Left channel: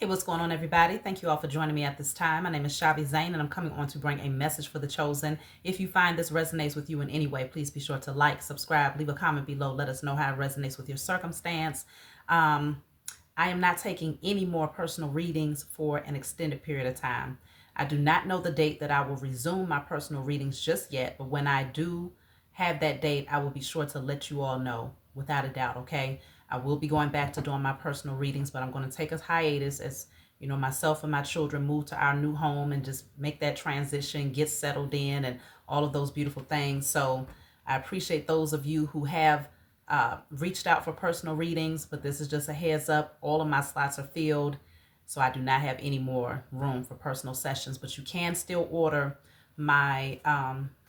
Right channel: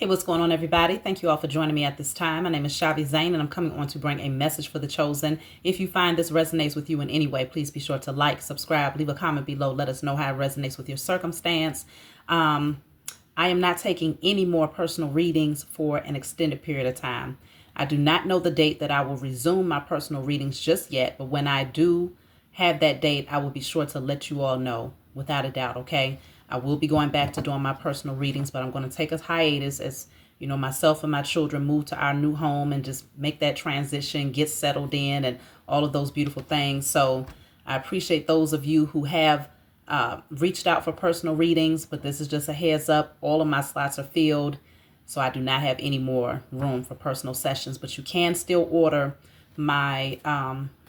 Hey, what's going on, everybody? Thank you all for joining me at this time. My name is Shavi Zane, and I'm coming on to bring a message for the chosen. If you find this resonates with you in any way, please be sure to like, subscribe, leave a comment below. Let us know how it resonates with your circumstance. I am not taking any more personal readings for an extended period of time. I do not know the date that I will resume my personal readings just yet, but when I do have that date, I will be sure to let you all know without a doubt, okay? I will be going back to doing my personal readings, but I'm going to take a hiatus as, you know, myself and my children move to our new home and just make that transition, get settled in and all of those beautiful things. So I appreciate those of you who have reached out for personal readings, but this is just a heads up. All of my slots are filled, so I do not have any more room for personal sessions, but you can still order my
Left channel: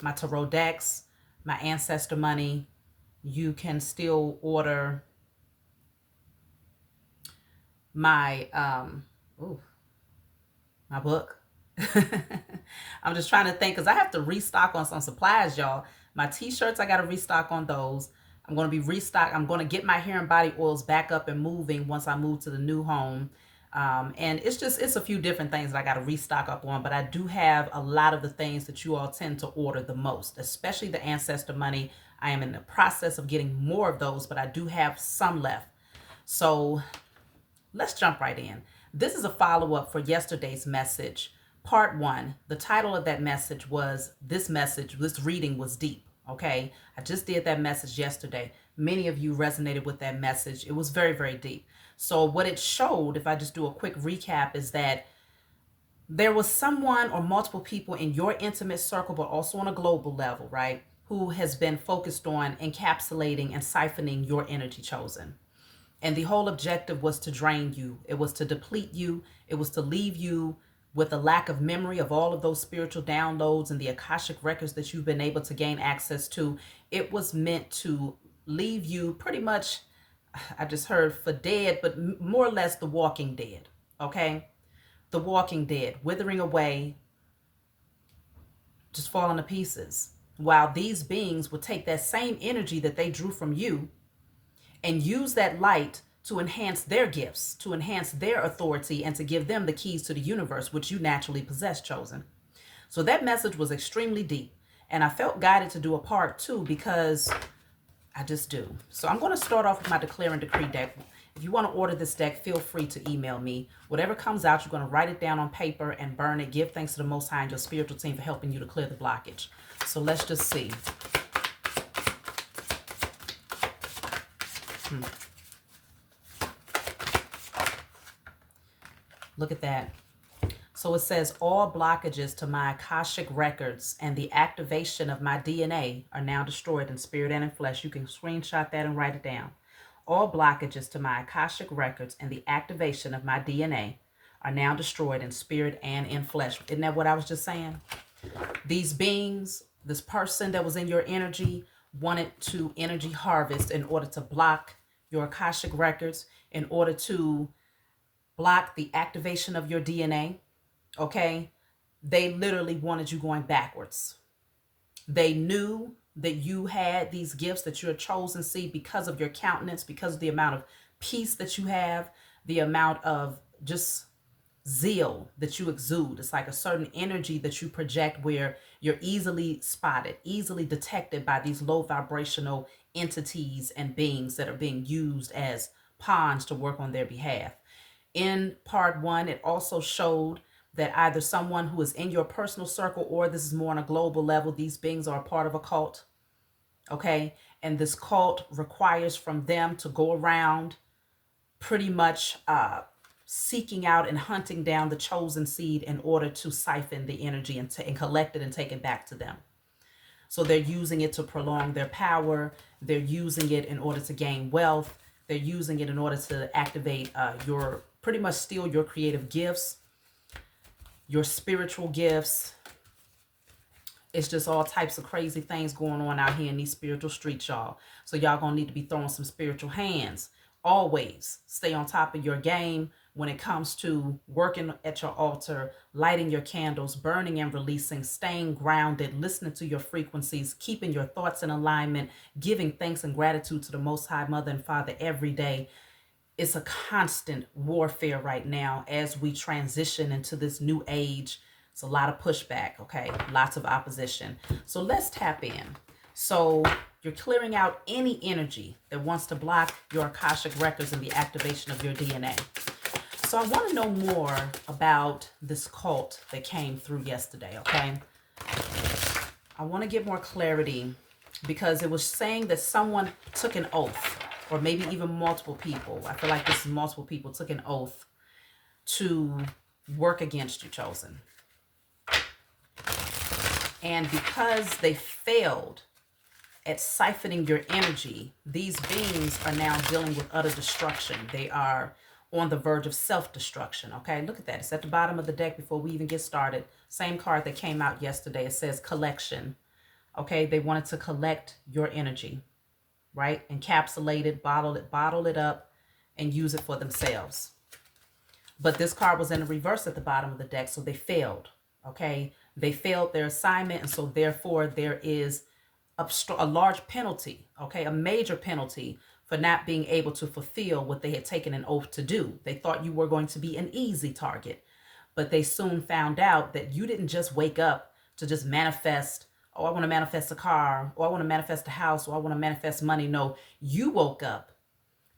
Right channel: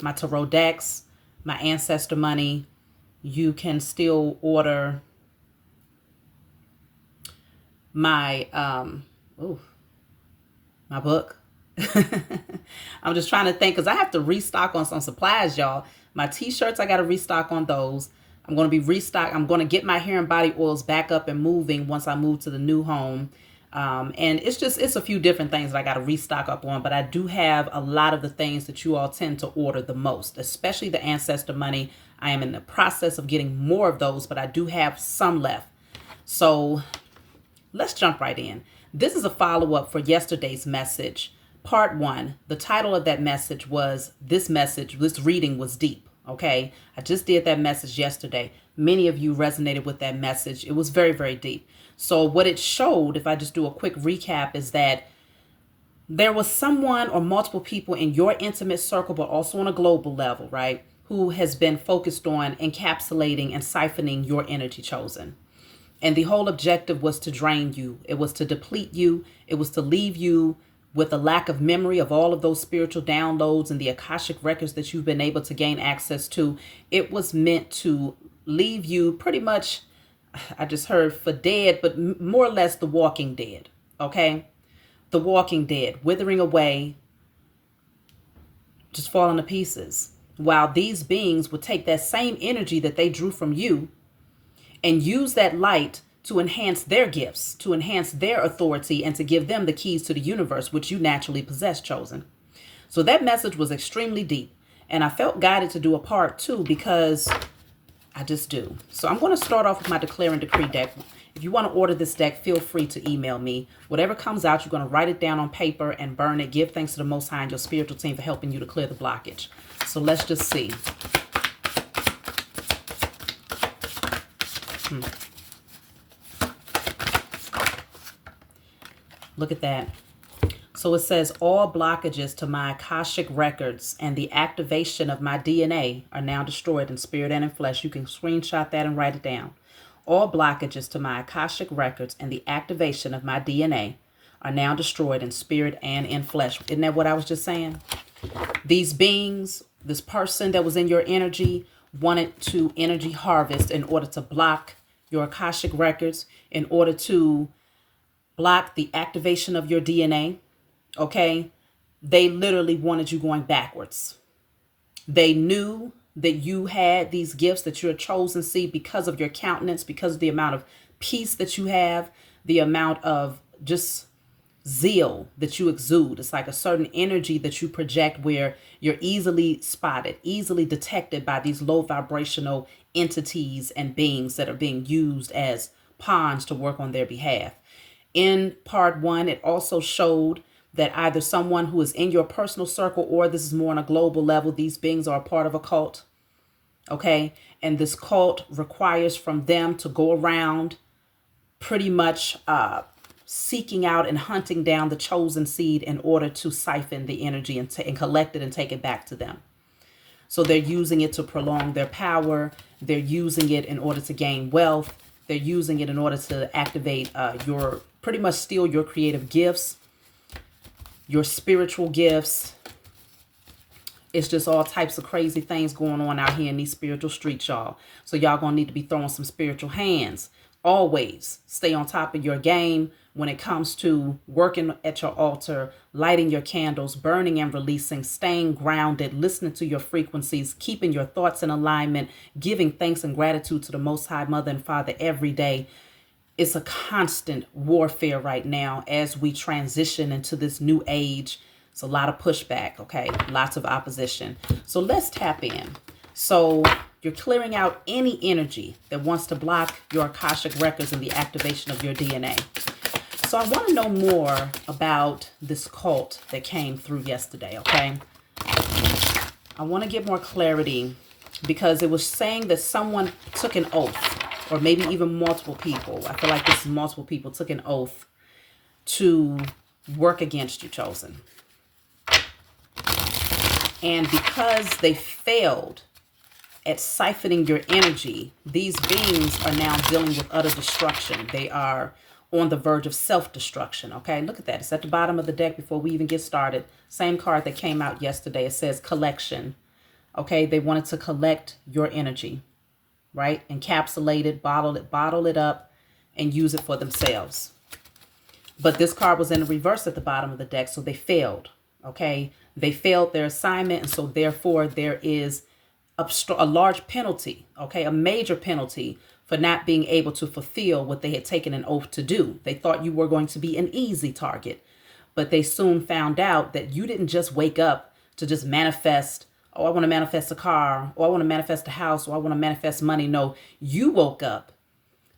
my tarot decks, my ancestor money. You can still order my my book. I'm just trying to think because I have to restock on some supplies, y'all. My t-shirts, I got to restock on those. I'm going to be restock. I'm going to get my hair and body oils back up and moving once I move to the new home. And it's a few different things that I got to restock up on, but I do have a lot of the things that you all tend to order the most, especially the ancestor money. I am in the process of getting more of those, but I do have some left. So let's jump right in. This is a follow-up for yesterday's message, part 1. The title of that message was, this reading was deep, okay? I just did that message yesterday. Many of you resonated with that message. It was very, very deep. So what it showed, if I just do a quick recap, is that there was someone or multiple people in your intimate circle, but also on a global level, right, who has been focused on encapsulating and siphoning your energy, chosen. And the whole objective was to drain you. It was to deplete you. It was to leave you with a lack of memory of all of those spiritual downloads and the Akashic records that you've been able to gain access to. It was meant to leave you pretty much, I just heard for dead, but more or less the walking dead, okay? The walking dead, withering away, just falling to pieces. While these beings would take that same energy that they drew from you and use that light to enhance their gifts, to enhance their authority, and to give them the keys to the universe, which you naturally possess, chosen. So that message was extremely deep. And I felt guided to do a part 2 because I just do. So I'm going to start off with my Declare and Decree deck. If you want to order this deck, feel free to email me. Whatever comes out, you're going to write it down on paper and burn it. Give thanks to the Most High and your spiritual team for helping you to clear the blockage. So let's just see. Look at that. So it says, all blockages to my Akashic records and the activation of my DNA are now destroyed in spirit and in flesh. You can screenshot that and write it down. All blockages to my Akashic records and the activation of my DNA are now destroyed in spirit and in flesh. Isn't that what I was just saying? These beings, this person that was in your energy, wanted to energy harvest in order to block your Akashic records, in order to block the activation of your DNA, okay? They literally wanted you going backwards. They knew that you had these gifts, that you're a chosen seed because of your countenance, because of the amount of peace that you have, the amount of just zeal that you exude. It's like a certain energy that you project where you're easily spotted, easily detected by these low vibrational entities and beings that are being used as pawns to work on their behalf. In part 1, it also showed that either someone who is in your personal circle, or this is more on a global level, these beings are a part of a cult, okay? And this cult requires from them to go around pretty much seeking out and hunting down the chosen seed in order to siphon the energy and collect it and take it back to them. So they're using it to prolong their power. They're using it in order to gain wealth. They're using it in order to activate pretty much steal your creative gifts, your spiritual gifts. It's just all types of crazy things going on out here in these spiritual streets, y'all. So y'all gonna need to be throwing some spiritual hands. Always stay on top of your game when it comes to working at your altar, lighting your candles, burning and releasing, staying grounded, listening to your frequencies, keeping your thoughts in alignment, giving thanks and gratitude to the Most High Mother and Father every day. it's a constant warfare right now as we transition into this new age. It's a lot of pushback, okay? Lots of opposition. So let's tap in. So you're clearing out any energy that wants to block your Akashic records and the activation of your DNA. So I want to know more about this cult that came through yesterday, okay? I want to get more clarity because it was saying that someone took an oath, or maybe even multiple people. I feel like this is multiple people took an oath to work against you, Chosen. And because they failed at siphoning your energy, these beings are now dealing with utter destruction. They are on the verge of self-destruction. Okay, look at that. It's at the bottom of the deck before we even get started. Same card that came out yesterday. It says collection. Okay, they wanted to collect your energy, right? Encapsulate it, bottle it up, and use it for themselves. But this card was in the reverse at the bottom of the deck, so they failed. Okay, they failed their assignment, and so therefore there is a large penalty, okay, a major penalty for not being able to fulfill what they had taken an oath to do. They thought you were going to be an easy target, but they soon found out that you didn't just wake up to just manifest, oh, I want to manifest a car, or I want to manifest a house, or I want to manifest money. No, you woke up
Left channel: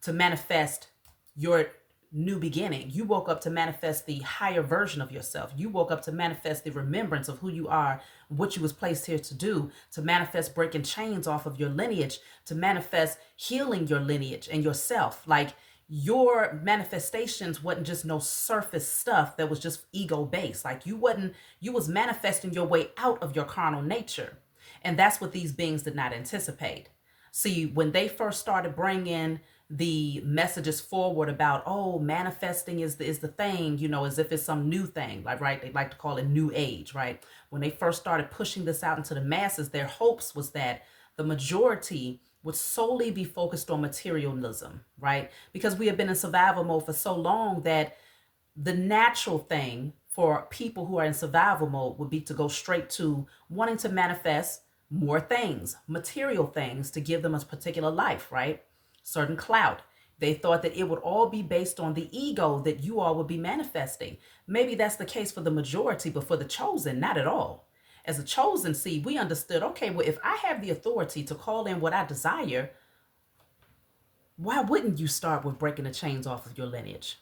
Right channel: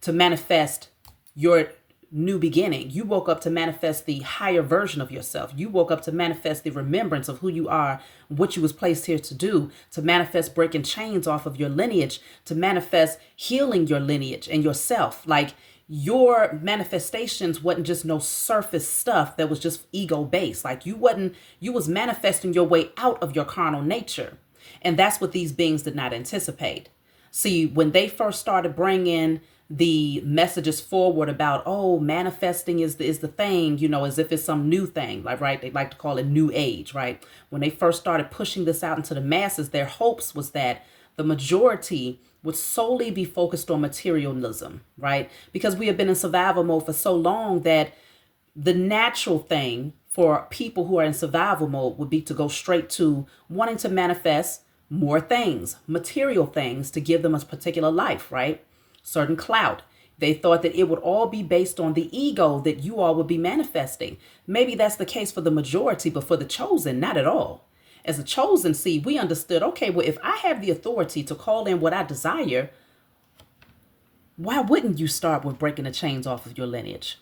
to manifest your new beginning. You woke up to manifest the higher version of yourself. You woke up to manifest the remembrance of who you are, what you was placed here to do, to manifest breaking chains off of your lineage, to manifest healing your lineage and yourself. Like, your manifestations wasn't just no surface stuff that was just ego based. Like, you was manifesting your way out of your carnal nature. And that's what these beings did not anticipate. See, when they first started bringing the messages forward about, oh, manifesting is the thing, you know, as if it's some new thing, like, right? They like to call it new age, right? When they first started pushing this out into the masses, their hopes was that the majority would solely be focused on materialism, right? Because we have been in survival mode for so long that the natural thing for people who are in survival mode would be to go straight to wanting to manifest more things, material things, to give them a particular life, right? Certain clout. They thought that it would all be based on the ego that you all would be manifesting. Maybe that's the case for the majority, but for the chosen, not at all. As a chosen seed, we understood, okay, well, if I have the authority to call in what I desire, why wouldn't you start with breaking the chains off of your lineage?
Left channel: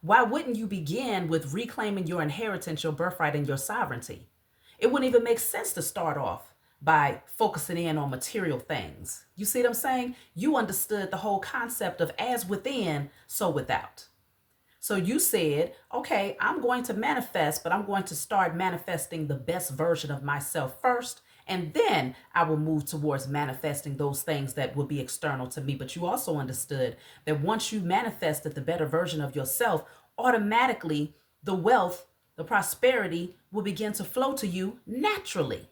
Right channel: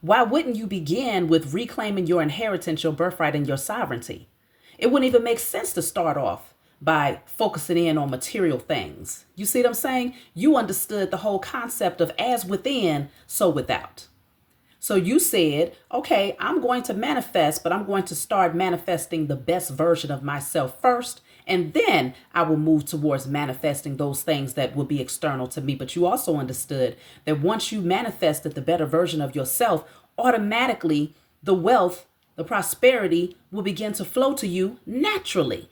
Why wouldn't you begin with reclaiming your inheritance, your birthright, and your sovereignty? It wouldn't even make sense to start off by focusing in on material things. You see what I'm saying? You understood the whole concept of as within, so without. So you said, okay, I'm going to manifest, but I'm going to start manifesting the best version of myself first, and then I will move towards manifesting those things that will be external to me. But you also understood that once you manifested the better version of yourself, automatically the wealth, the prosperity will begin to flow to you naturally.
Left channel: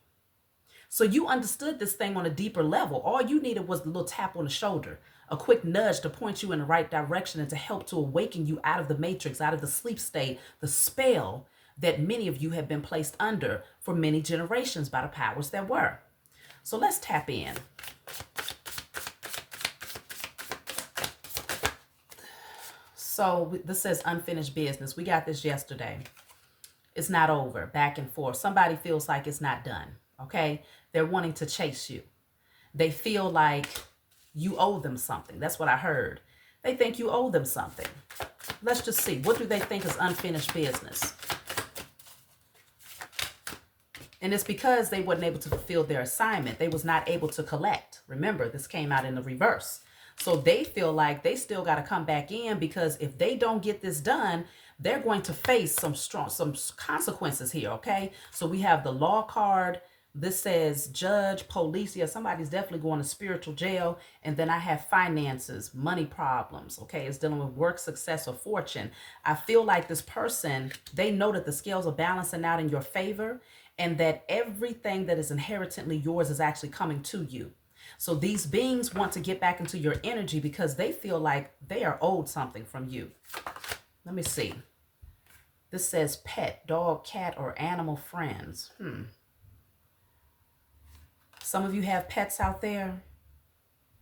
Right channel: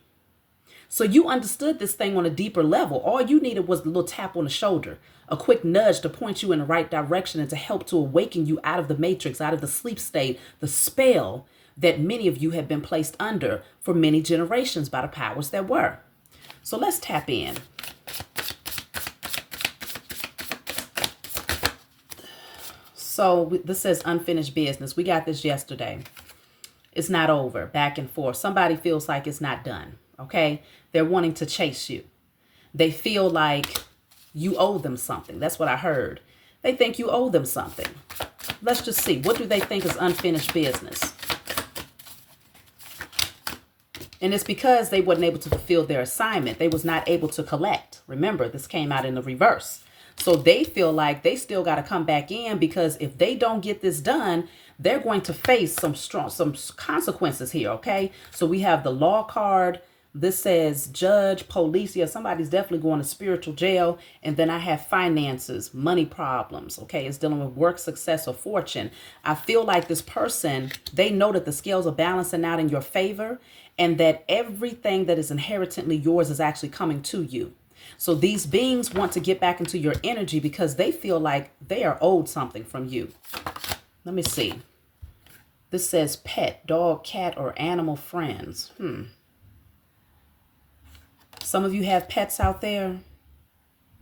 So you understood this thing on a deeper level. All you needed was a little tap on the shoulder, a quick nudge to point you in the right direction and to help to awaken you out of the matrix, out of the sleep state, the spell that many of you have been placed under for many generations by the powers that were. So let's tap in. So this says unfinished business. We got this yesterday. It's not over, back and forth. Somebody feels like it's not done, okay? They're wanting to chase you. They feel like you owe them something. That's what I heard. They think you owe them something. Let's just see. What do they think is unfinished business? And it's because they weren't able to fulfill their assignment. They was not able to collect. Remember, this came out in the reverse. So they feel like they still got to come back in, because if they don't get this done, they're going to face some consequences here, okay? So we have the law card. This says judge, police. Yeah, somebody's definitely going to spiritual jail. And then I have finances, money problems, okay? It's dealing with work, success, or fortune. I feel like this person, they know that the scales are balancing out in your favor, and that everything that is inherently yours is actually coming to you. So these beings want to get back into your energy because they feel like they are owed something from you. Let me see. This says pet, dog, cat, or animal friends. Some of you have pets out there.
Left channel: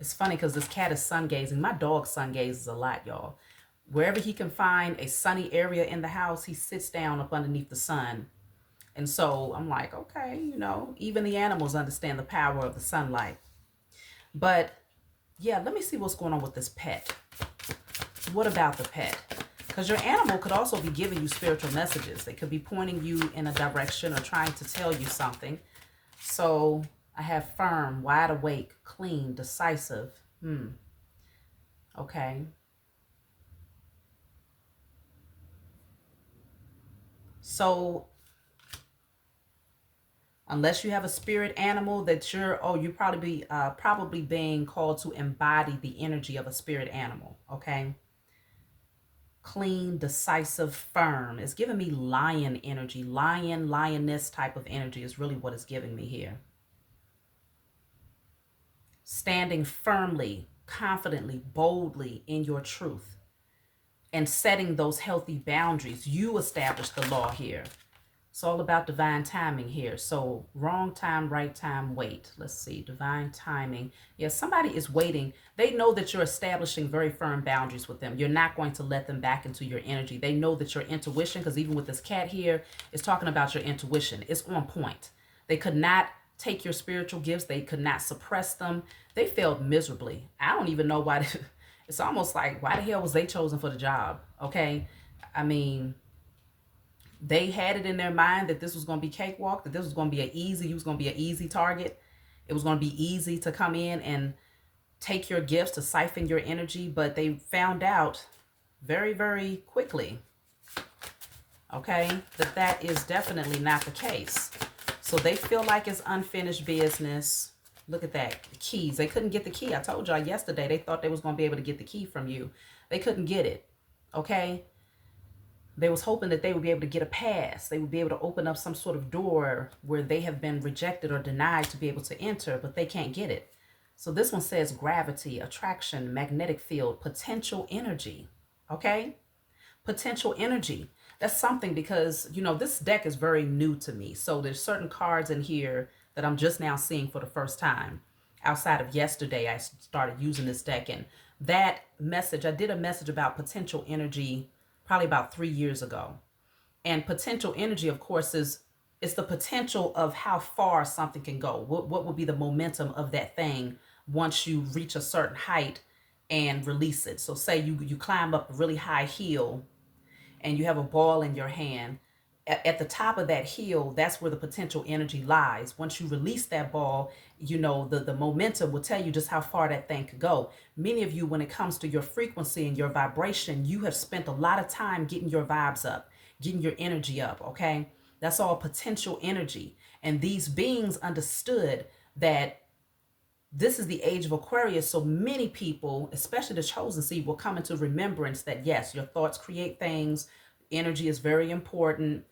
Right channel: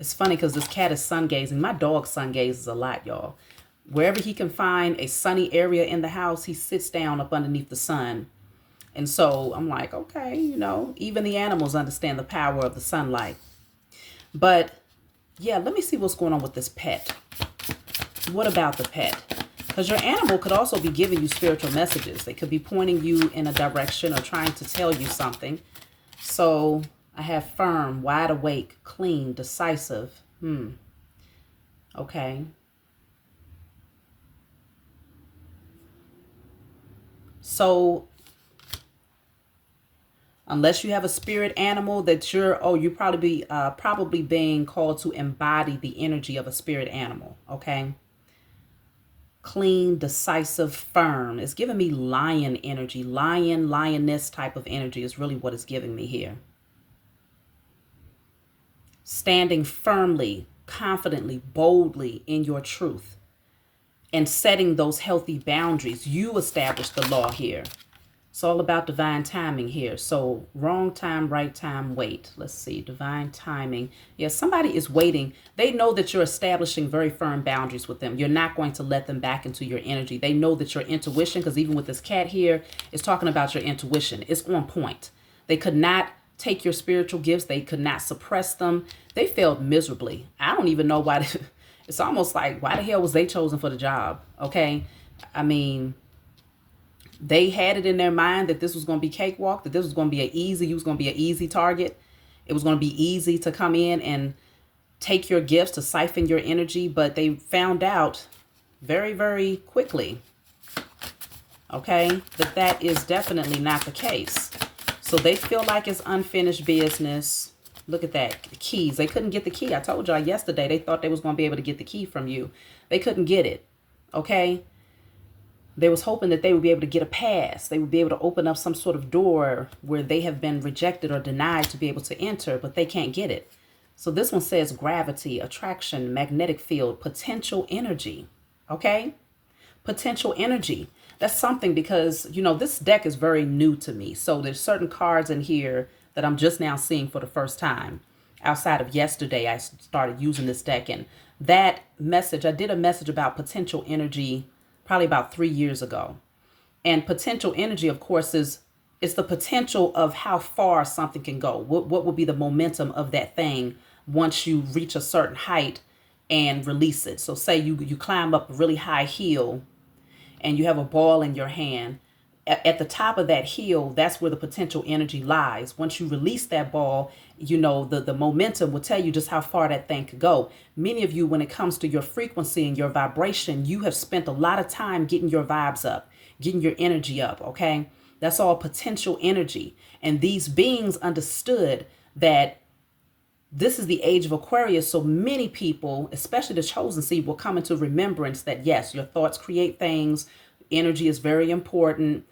It's funny because this cat is sun gazing. My dog sun gazes a lot, y'all. Wherever he can find a sunny area in the house, he sits down up underneath the sun. And so I'm like, okay, even the animals understand the power of the sunlight. But yeah, let me see what's going on with this pet. What about the pet? Because your animal could also be giving you spiritual messages. They could be pointing you in a direction or trying to tell you something. So I have firm, wide awake, clean, decisive. Okay. So unless you have a spirit animal that you're probably being called to embody the energy of a spirit animal. Okay. Clean, decisive, firm. It's giving me lion energy. Lion, lioness type of energy is really what it's giving me here. Standing firmly, confidently, boldly in your truth and setting those healthy boundaries. You establish the law here. It's all about divine timing here. So wrong time, right time, wait. Let's see, divine timing. Yeah, somebody is waiting. They know that you're establishing very firm boundaries with them. You're not going to let them back into your energy. They know that your intuition, because even with this cat here, it's talking about your intuition. It's on point. They could not take your spiritual gifts. They could not suppress them. They failed miserably. I don't even know why. It's almost like, why the hell was they chosen for the job? Okay. I mean, they had it in their mind that this was going to be cakewalk, that this was going to be you was going to be an easy target. It was going to be easy to come in and take your gifts, to siphon your energy, but they found out very, very quickly, okay, that is definitely not the case. So they feel like it's unfinished business. Look at that, the keys. They couldn't get the key. I told y'all yesterday, they thought they was going to be able to get the key from you. They couldn't get it, okay? They was hoping that they would be able to get a pass. They would be able to open up some sort of door where they have been rejected or denied to be able to enter, but they can't get it. So this one says gravity, attraction, magnetic field, potential energy. Okay? Potential energy. That's something because, this deck is very new to me. So there's certain cards in here that I'm just now seeing for the first time. Outside of yesterday, I started using this deck. And that message, I did a message about potential energy probably about 3 years ago. And potential energy, of course, it's the potential of how far something can go. What will be the momentum of that thing once you reach a certain height and release it? So say you climb up a really high hill and you have a ball in your hand. At the top of that hill, that's where the potential energy lies. Once you release that ball, the momentum will tell you just how far that thing could go. Many of you, when it comes to your frequency and your vibration, you have spent a lot of time getting your vibes up, getting your energy up, okay? That's all potential energy. And these beings understood that this is the age of Aquarius. So many people, especially the chosen seed, will come into remembrance that, yes, your thoughts create things. Energy is very important.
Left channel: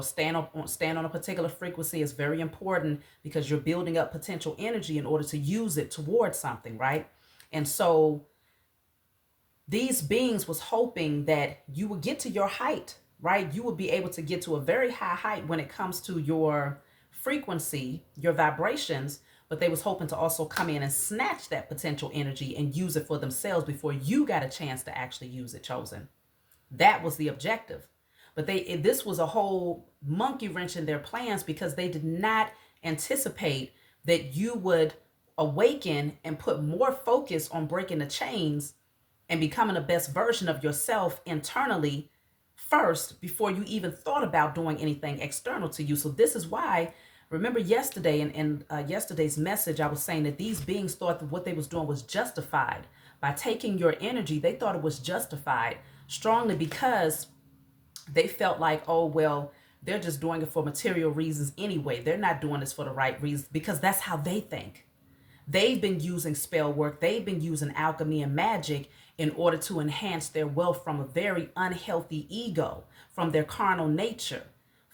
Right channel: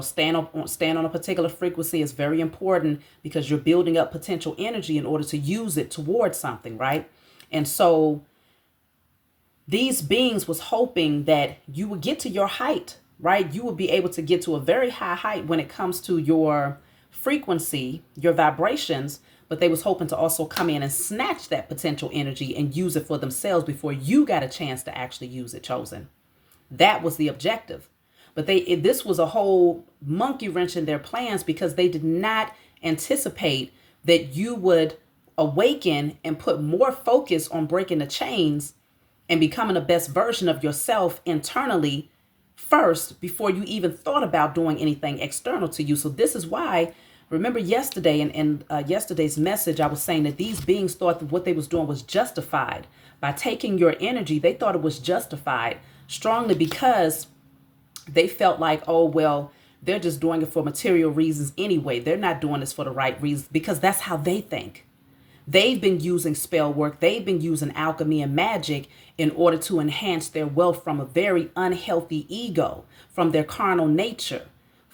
Stand on a particular frequency is very important because you're building up potential energy in order to use it towards something, right? And so these beings was hoping that you would get to your height, right? You would be able to get to a very high height when it comes to your frequency, your vibrations, but they was hoping to also come in and snatch that potential energy and use it for themselves before you got a chance to actually use it, chosen. That was the objective. But this was a whole monkey wrench in their plans because they did not anticipate that you would awaken and put more focus on breaking the chains and becoming the best version of yourself internally first before you even thought about doing anything external to you. So this is why, remember yesterday in yesterday's message, I was saying that these beings thought that what they was doing was justified. By taking your energy, they thought it was justified strongly because they felt like, oh, well, they're just doing it for material reasons anyway. They're not doing this for the right reasons because that's how they think. They've been using spell work. They've been using alchemy and magic in order to enhance their wealth from a very unhealthy ego, from their carnal nature.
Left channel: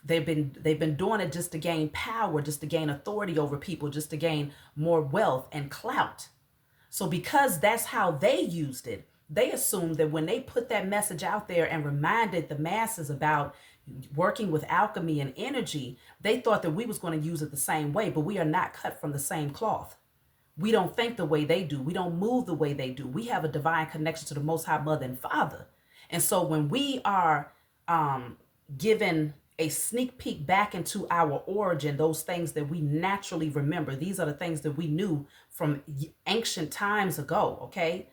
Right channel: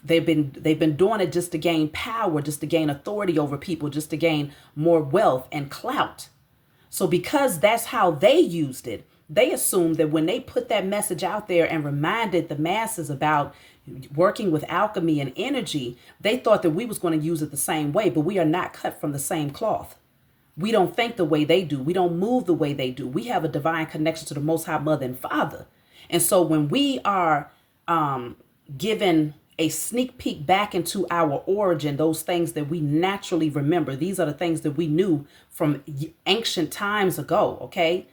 They've been doing it just to gain power, just to gain authority over people, just to gain more wealth and clout. So because that's how they used it, they assumed that when they put that message out there and reminded the masses about working with alchemy and energy, they thought that we was going to use it the same way, but we are not cut from the same cloth. We don't think the way they do. We don't move the way they do. We have a divine connection to the Most High Mother and Father. And so when we are given a sneak peek back into our origin, those things that we naturally remember, these are the things that we knew from ancient times ago, okay?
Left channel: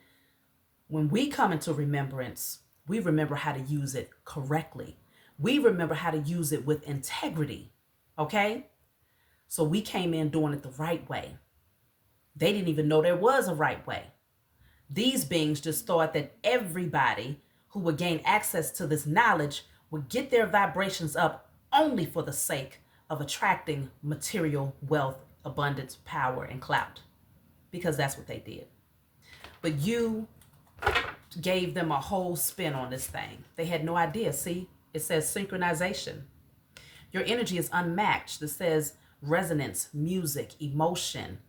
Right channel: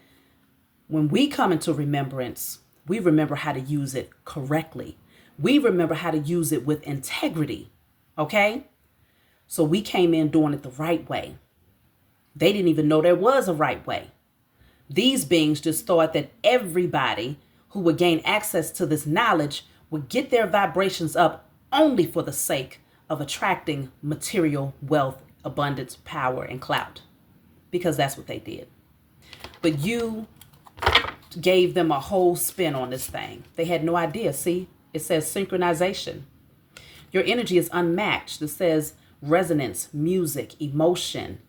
When we come into remembrance, we remember how to use it correctly. We remember how to use it with integrity, okay? So we came in doing it the right way. They didn't even know there was a right way. These beings just thought that everybody who would gain access to this knowledge would get their vibrations up only for the sake of attracting material wealth, abundance, power, and clout, because that's what they did. But you gave them a whole spin on this thing. They had no idea. See, it says synchronization. Your energy is unmatched. It says resonance, music, emotion.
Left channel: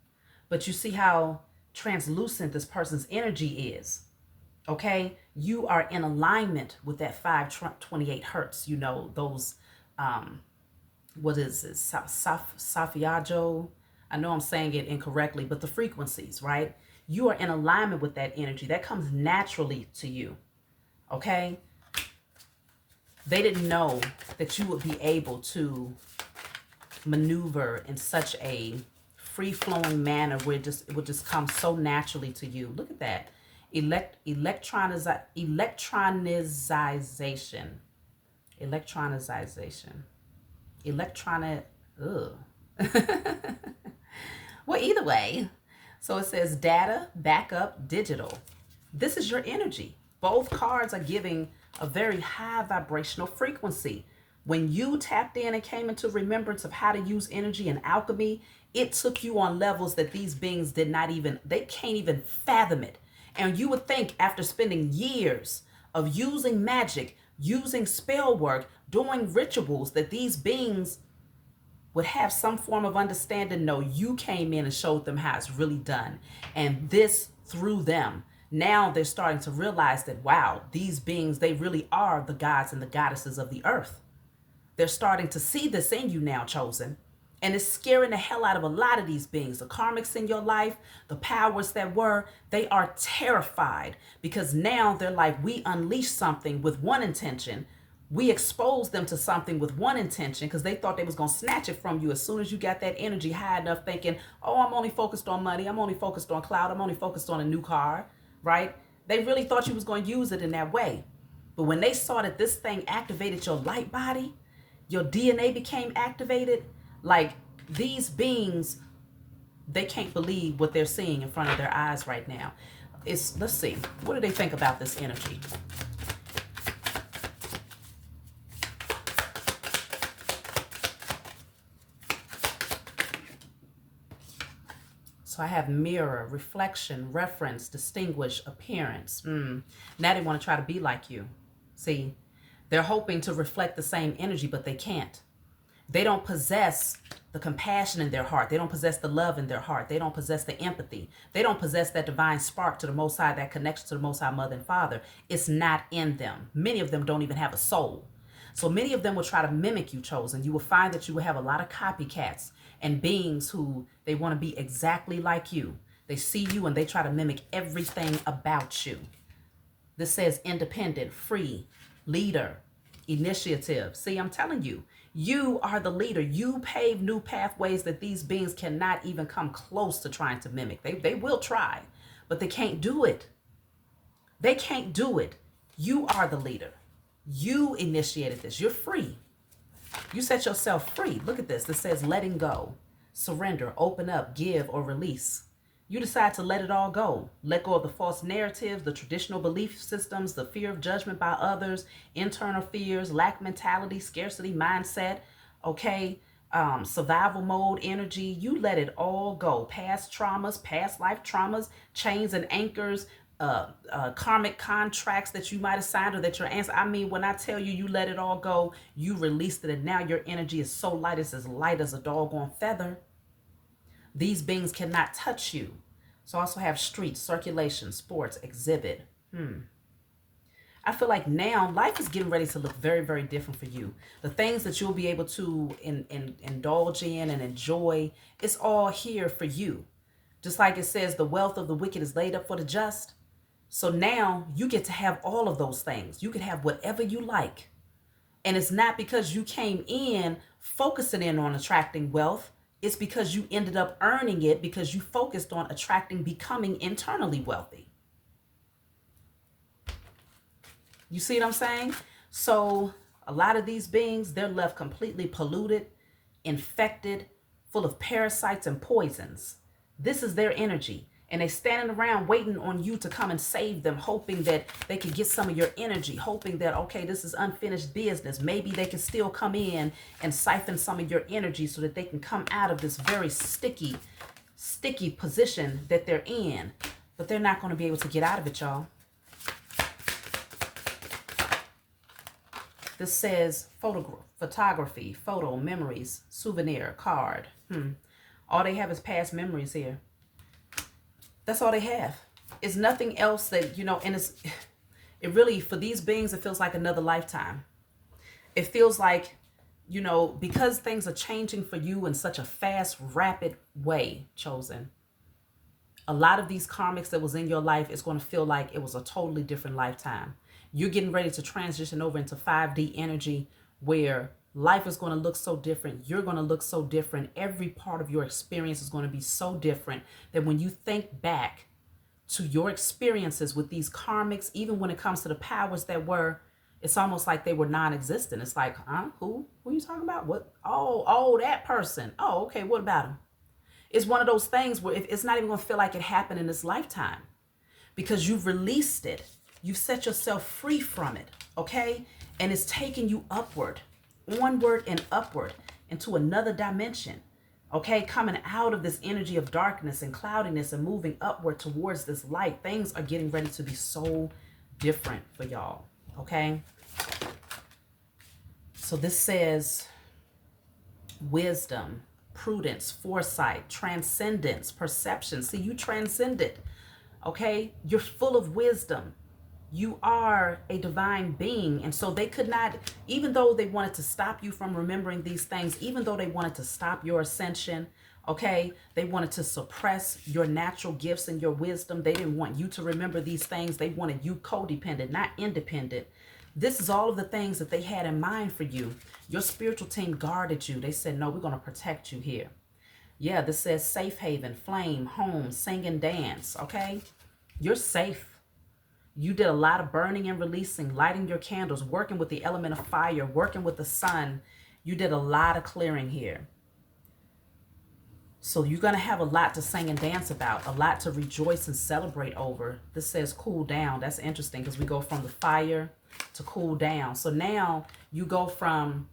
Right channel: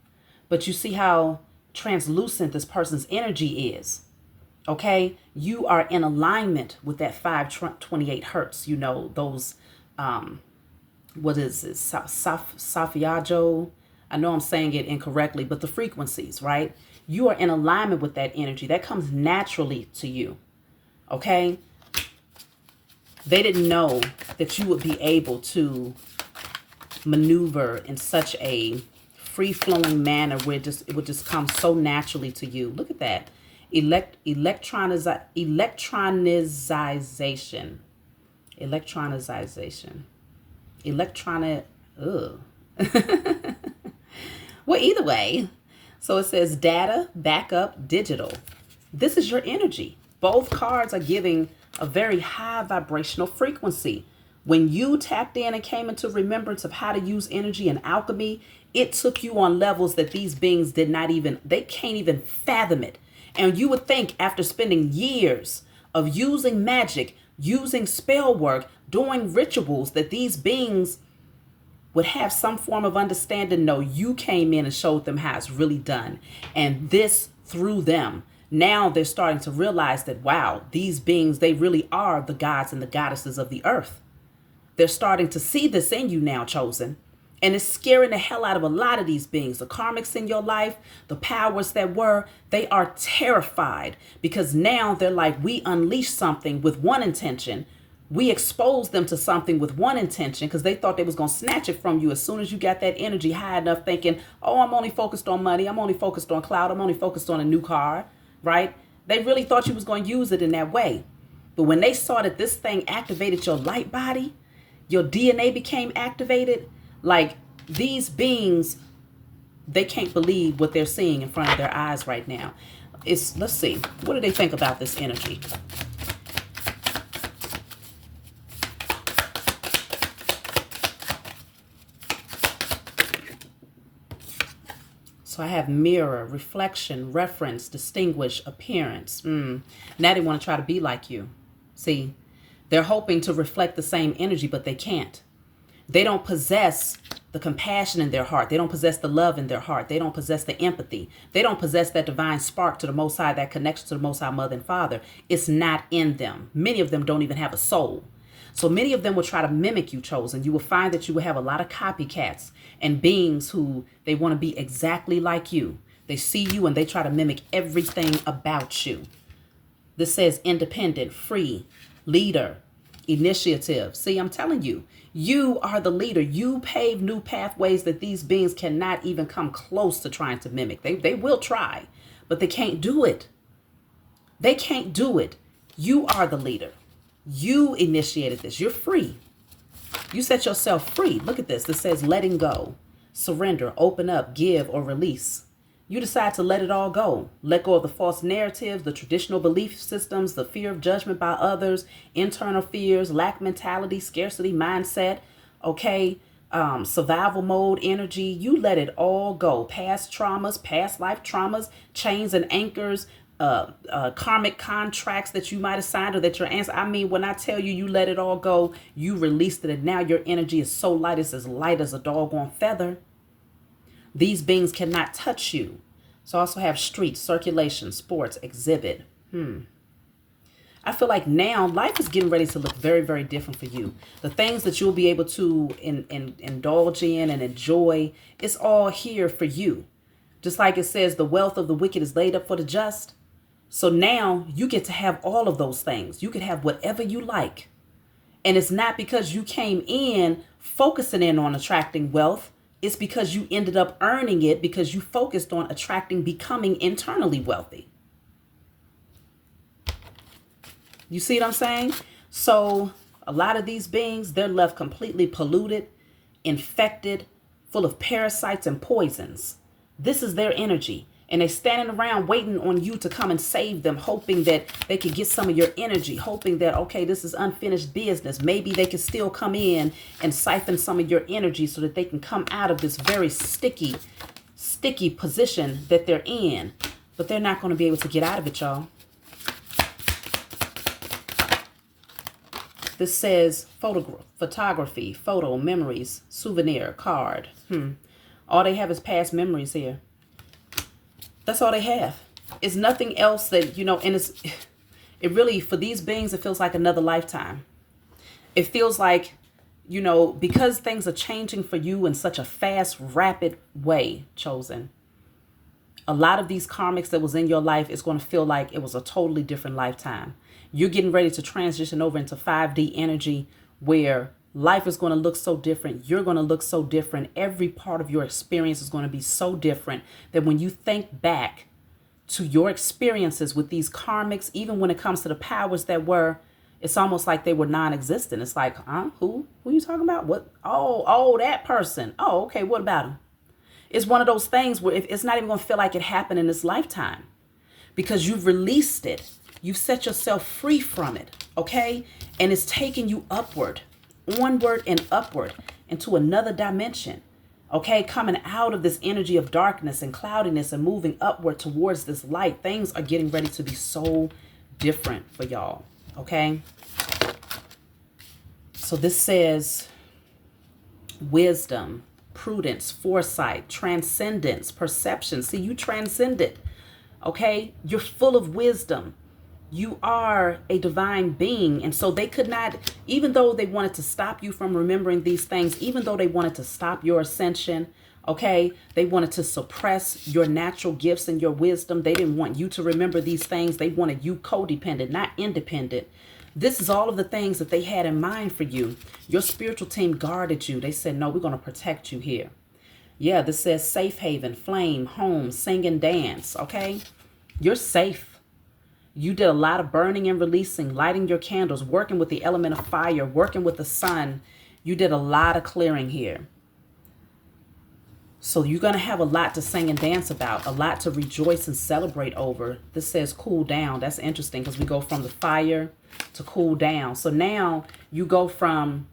But you see how translucent this person's energy is. Okay, you are in alignment with that 528 hertz. You know, those, what is it? Safiajo. I know I'm saying it incorrectly, but the frequencies, right? You are in alignment with that energy. That comes naturally to you. Okay. They didn't know that you would be able to maneuver in such a free-flowing manner where it would just come so naturally to you. Look at that. Electronization. Well, either way. So it says data, backup, digital. This is your energy. Both cards are giving a very high vibrational frequency. When you tapped in and came into remembrance of how to use energy and alchemy, it took you on levels that these beings they can't even fathom it. And you would think after spending years of using magic, using spell work, doing rituals, that these beings would have some form of understanding. No, you came in and showed them how it's really done. And this through them. Now they're starting to realize that, wow, these beings, they really are the gods and the goddesses of the earth. They're starting to see this in you now, chosen. And it's scaring the hell out of a lot of these beings. The karmics in your life, the powers that were, they are terrified because now they're like, we unleashed something with one intention. We exposed them to something with one intention because they thought they was going to snatch it from you as soon as you got that energy high enough, thinking, oh, I'm only focused on money. I'm only focused on cloud. I'm only focused on a new car, right? They really thought you was going to use it in that way. But when they saw that this thing activated your light body, your DNA became activated, like these beings, they can't believe what they're seeing in front of their eyes right now. Let's see, what do they think about this energy? So I have mirror, reflection, reference, distinguish, appearance. Now they want to try to be like you. See, they're hoping to reflect the same energy, but they can't. They don't possess the compassion in their heart. They don't possess the love in their heart. They don't possess the empathy. They don't possess that divine spark to the Most High, that connection to the Most High Mother and Father. It's not in them. Many of them don't even have a soul. So many of them will try to mimic you, chosen. You will find that you will have a lot of copycats and beings who they want to be exactly like you. They see you and they try to mimic everything about you. This says independent, free, leader, initiative. See, I'm telling you, you are the leader. You pave new pathways that these beings cannot even come close to trying to mimic. They will try, but they can't do it. They can't do it. You are the leader. You initiated this. You're free. You set yourself free. Look at this. This says letting go, surrender, open up, give, or release. You decide to let it all go. Let go of the false narratives, the traditional belief systems, the fear of judgment by others, internal fears, lack mentality, scarcity mindset, okay, survival mode energy. You let it all go. Past traumas, past life traumas, chains and anchors, karmic contracts that you might have signed or that your ancestors. I mean, when I tell you, you let it all go, you released it, and now your energy is so light, it's as light as a doggone feather. These beings cannot touch you. So I also have streets, circulation, sports, exhibit. I feel like now life is getting ready to look very, very different for you. The things that you'll be able to indulge in and enjoy, it's all here for you. Just like it says, the wealth of the wicked is laid up for the just. So now you get to have all of those things. You can have whatever you like. And it's not because you came in focusing in on attracting wealth. It's because you ended up earning it because you focused on attracting, becoming internally wealthy. You see what I'm saying? So a lot of these beings, they're left completely polluted, infected, full of parasites and poisons. This is their energy. And they're standing around waiting on you to come and save them, hoping that they can get some of your energy, hoping that, okay, this is unfinished business. Maybe they can still come in and siphon some of your energy so that they can come out of this very sticky position that they're in. But they're not going to be able to get out of it, y'all. This says photography, photo, memories, souvenir, card. All they have is past memories here. That's all they have. It's nothing else that, and it really, for these beings, it feels like another lifetime. It feels like, because things are changing for you in such a fast, rapid way, chosen. A lot of these karmics that was in your life is going to feel like it was a totally different lifetime. You're getting ready to transition over into 5D energy where life is going to look so different. You're going to look so different. Every part of your experience is going to be so different that when you think back to your experiences with these karmics, even when it comes to the powers that were, it's almost like they were non-existent. It's like, who are you talking about? What? Oh, that person. Oh, okay. What about him? It's one of those things where it's not even going to feel like it happened in this lifetime because you've released it. You've set yourself free from it. Okay. And it's taking you upward, onward and upward into another dimension. Okay. Coming out of this energy of darkness and cloudiness and moving upward towards this light. Things are getting ready to be so different for y'all. Okay. So this says wisdom, prudence, foresight, transcendence, perception. See, you transcended. Okay. You're full of wisdom. You are a divine being. And so they could not, even though they wanted to stop you from remembering these things, even though they wanted to stop your ascension, okay, they wanted to suppress your natural gifts and your wisdom. They didn't want you to remember these things. They wanted you codependent, not independent. This is all of the things that they had in mind for you. Your spiritual team guarded you. They said, no, we're going to protect you here. Yeah, this says safe haven, flame, home, sing and dance. Okay, you're safe. You did a lot of burning and releasing, lighting your candles, working with the element of fire, working with the sun. You did a lot of clearing here. So you're going to have a lot to sing and dance about, a lot to rejoice and celebrate over. This says cool down. That's interesting because we go from the fire to cool down. So now you go from,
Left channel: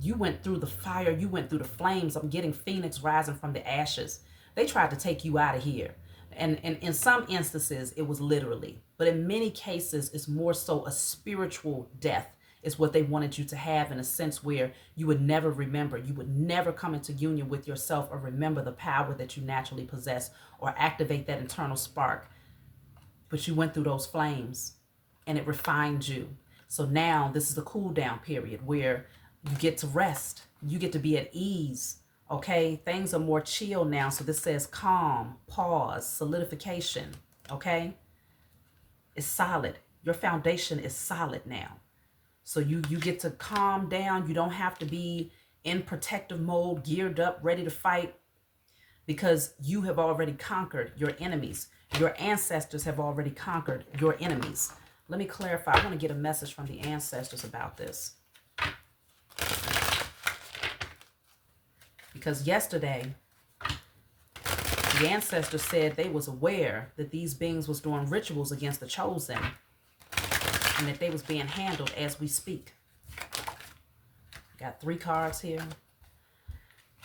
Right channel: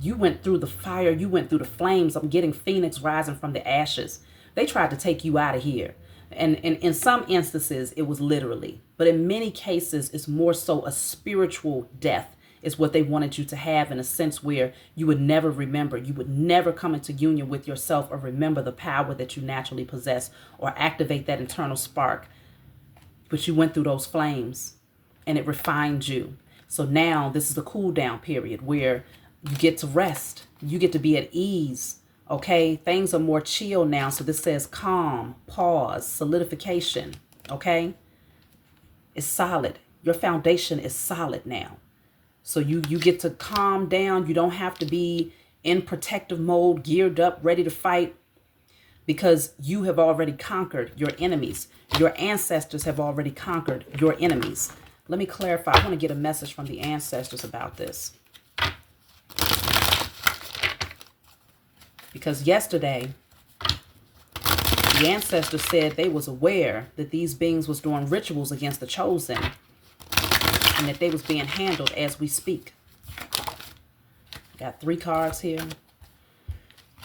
you went through the fire, you went through the flames. I'm getting Phoenix rising from the ashes. They tried to take you out of here. And in some instances, it was literally. But in many cases, it's more so a spiritual death is what they wanted you to have, in a sense where you would never remember. You would never come into union with yourself or remember the power that you naturally possess or activate that internal spark. But you went through those flames and it refined you. So now this is a cool down period where you get to rest. You get to be at ease. Okay, things are more chill now. So this says calm, pause, solidification. Okay, it's solid. Your foundation is solid now. So you get to calm down. You don't have to be in protective mode, geared up, ready to fight, because you have already conquered your enemies. Your ancestors have already conquered your enemies. Let me clarify. I want to get a message from the ancestors about this. Because yesterday, the ancestors said they was aware that these beings was doing rituals against the chosen and that they was being handled as we speak. Got 3 cards here.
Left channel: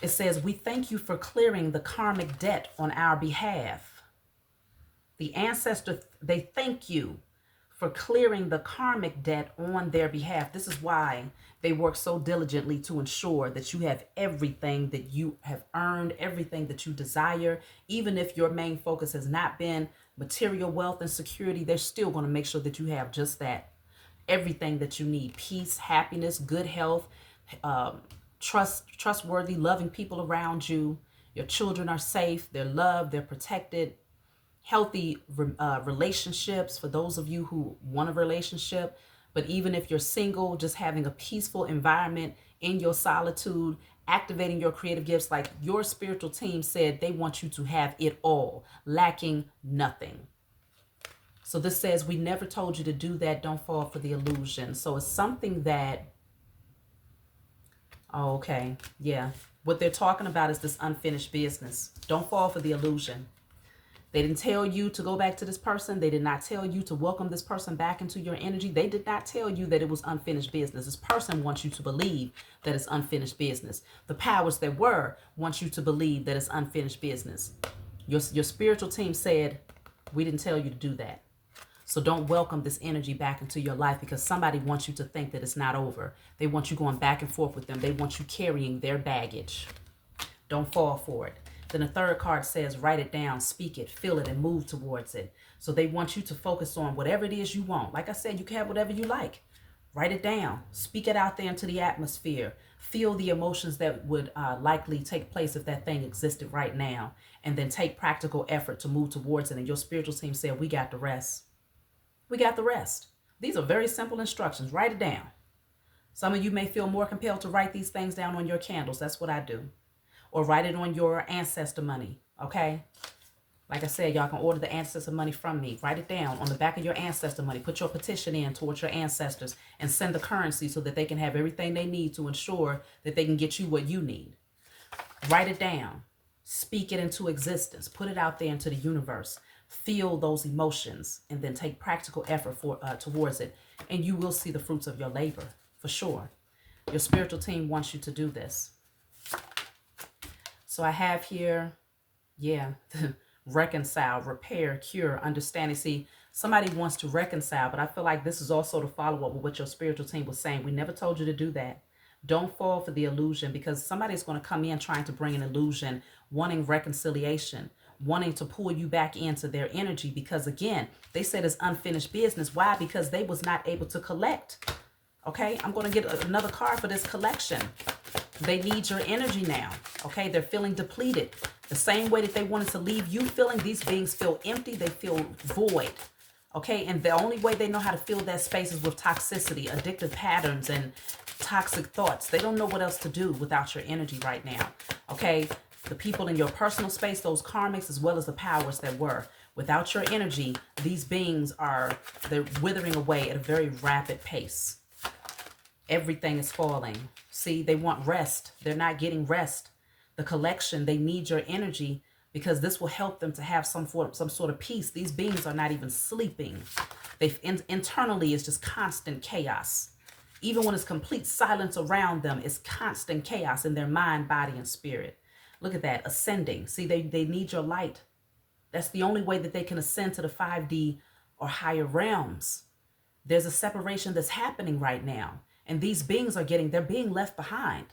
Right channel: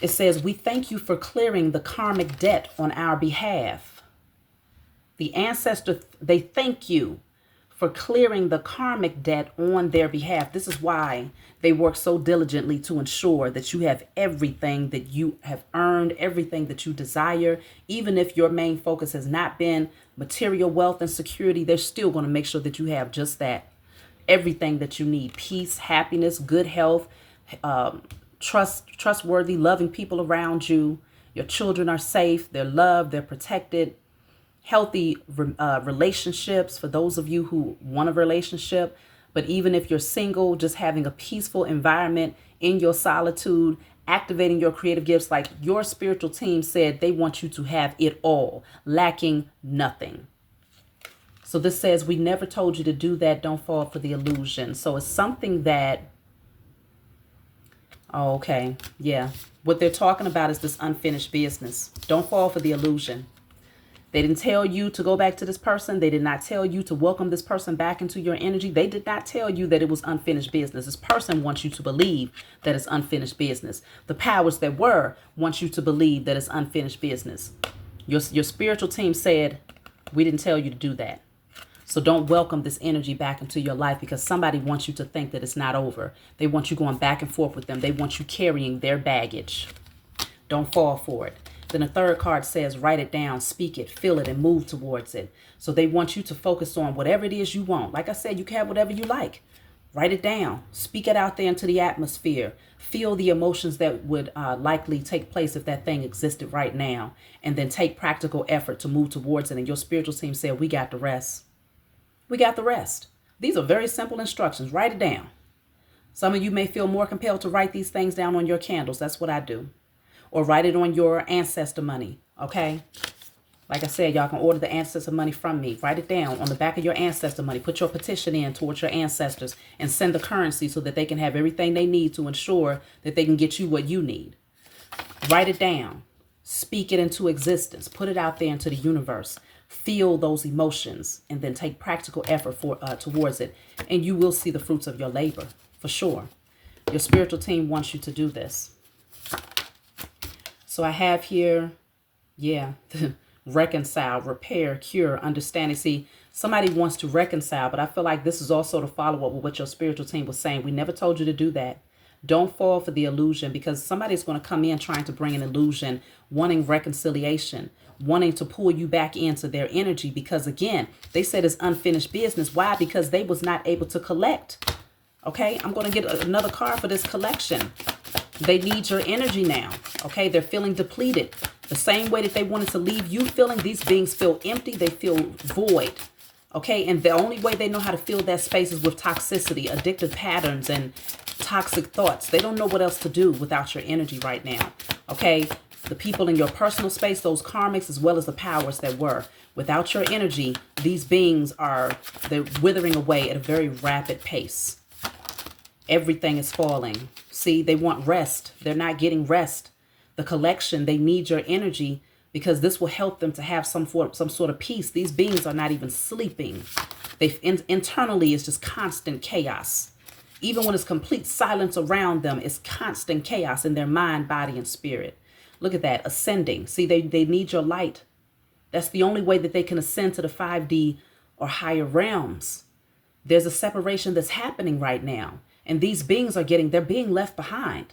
It says, we thank you for clearing the karmic debt on our behalf. The ancestors, they thank you for clearing the karmic debt on their behalf. This is why they work so diligently to ensure that you have everything that you have earned, everything that you desire. Even if your main focus has not been material wealth and security, they're still going to make sure that you have just that. Everything that you need: peace, happiness, good health, trustworthy, loving people around you. Your children are safe. They're loved. They're protected. Healthy relationships for those of you who want a relationship. But even if you're single, just having a peaceful environment in your solitude, activating your creative gifts, like your spiritual team said, they want you to have it all, lacking nothing. So this says, we never told you to do that. Don't fall for the illusion. So it's something that, oh, okay, yeah. What they're talking about is this unfinished business. Don't fall for the illusion. They didn't tell you to go back to this person. They did not tell you to welcome this person back into your energy. They did not tell you that it was unfinished business. This person wants you to believe that it's unfinished business. The powers that were want you to believe that it's unfinished business. Your spiritual team said, we didn't tell you to do that. So don't welcome this energy back into your life, because somebody wants you to think that it's not over. They want you going back and forth with them. They want you carrying their baggage. Don't fall for it. Then the third card says, write it down, speak it, feel it, and move towards it. So they want you to focus on whatever it is you want. Like I said, you can have whatever you like. Write it down. Speak it out there into the atmosphere. Feel the emotions that would likely take place if that thing existed right now. And then take practical effort to move towards it. And your spiritual team said, we got the rest. We got the rest. These are very simple instructions. Write it down. Some of you may feel more compelled to write these things down on your candles. That's what I do. Or write it on your Ancestor money, okay? Like I said, y'all can order the Ancestor money from me. Write it down on the back of your Ancestor money. Put your petition in towards your ancestors and send the currency so that they can have everything they need to ensure that they can get you what you need. Write it down. Speak it into existence. Put it out there into the universe. Feel those emotions and then take practical effort towards it. And you will see the fruits of your labor, for sure. Your spiritual team wants you to do this. So I have here, yeah, reconcile, repair, cure, understanding. See, somebody wants to reconcile, but I feel like this is also to follow up with what your spiritual team was saying. We never told you to do that. Don't fall for the illusion, because somebody's going to come in trying to bring an illusion, wanting reconciliation, wanting to pull you back into their energy, because again, they said it's unfinished business. Why? Because they was not able to collect. Okay, I'm going to get another card for this collection. They need your energy now. Okay, they're feeling depleted. The same way that they wanted to leave you feeling, these beings feel empty. They feel void. Okay, and the only way they know how to fill that space is with toxicity, addictive patterns, and toxic thoughts. They don't know what else to do without your energy right now. Okay, the people in your personal space, those karmics, as well as the powers that were. Without your energy, these beings they're withering away at a very rapid pace. Everything is falling. See, they want rest. They're not getting rest. The collection, they need your energy, because this will help them to have some sort of peace. These beings are not even sleeping. Internally, it's just constant chaos. Even when it's complete silence around them, it's constant chaos in their mind, body, and spirit. Look at that, ascending. See, they need your light. That's the only way that they can ascend to the 5D or higher realms. There's a separation that's happening right now. And these beings they're being left behind.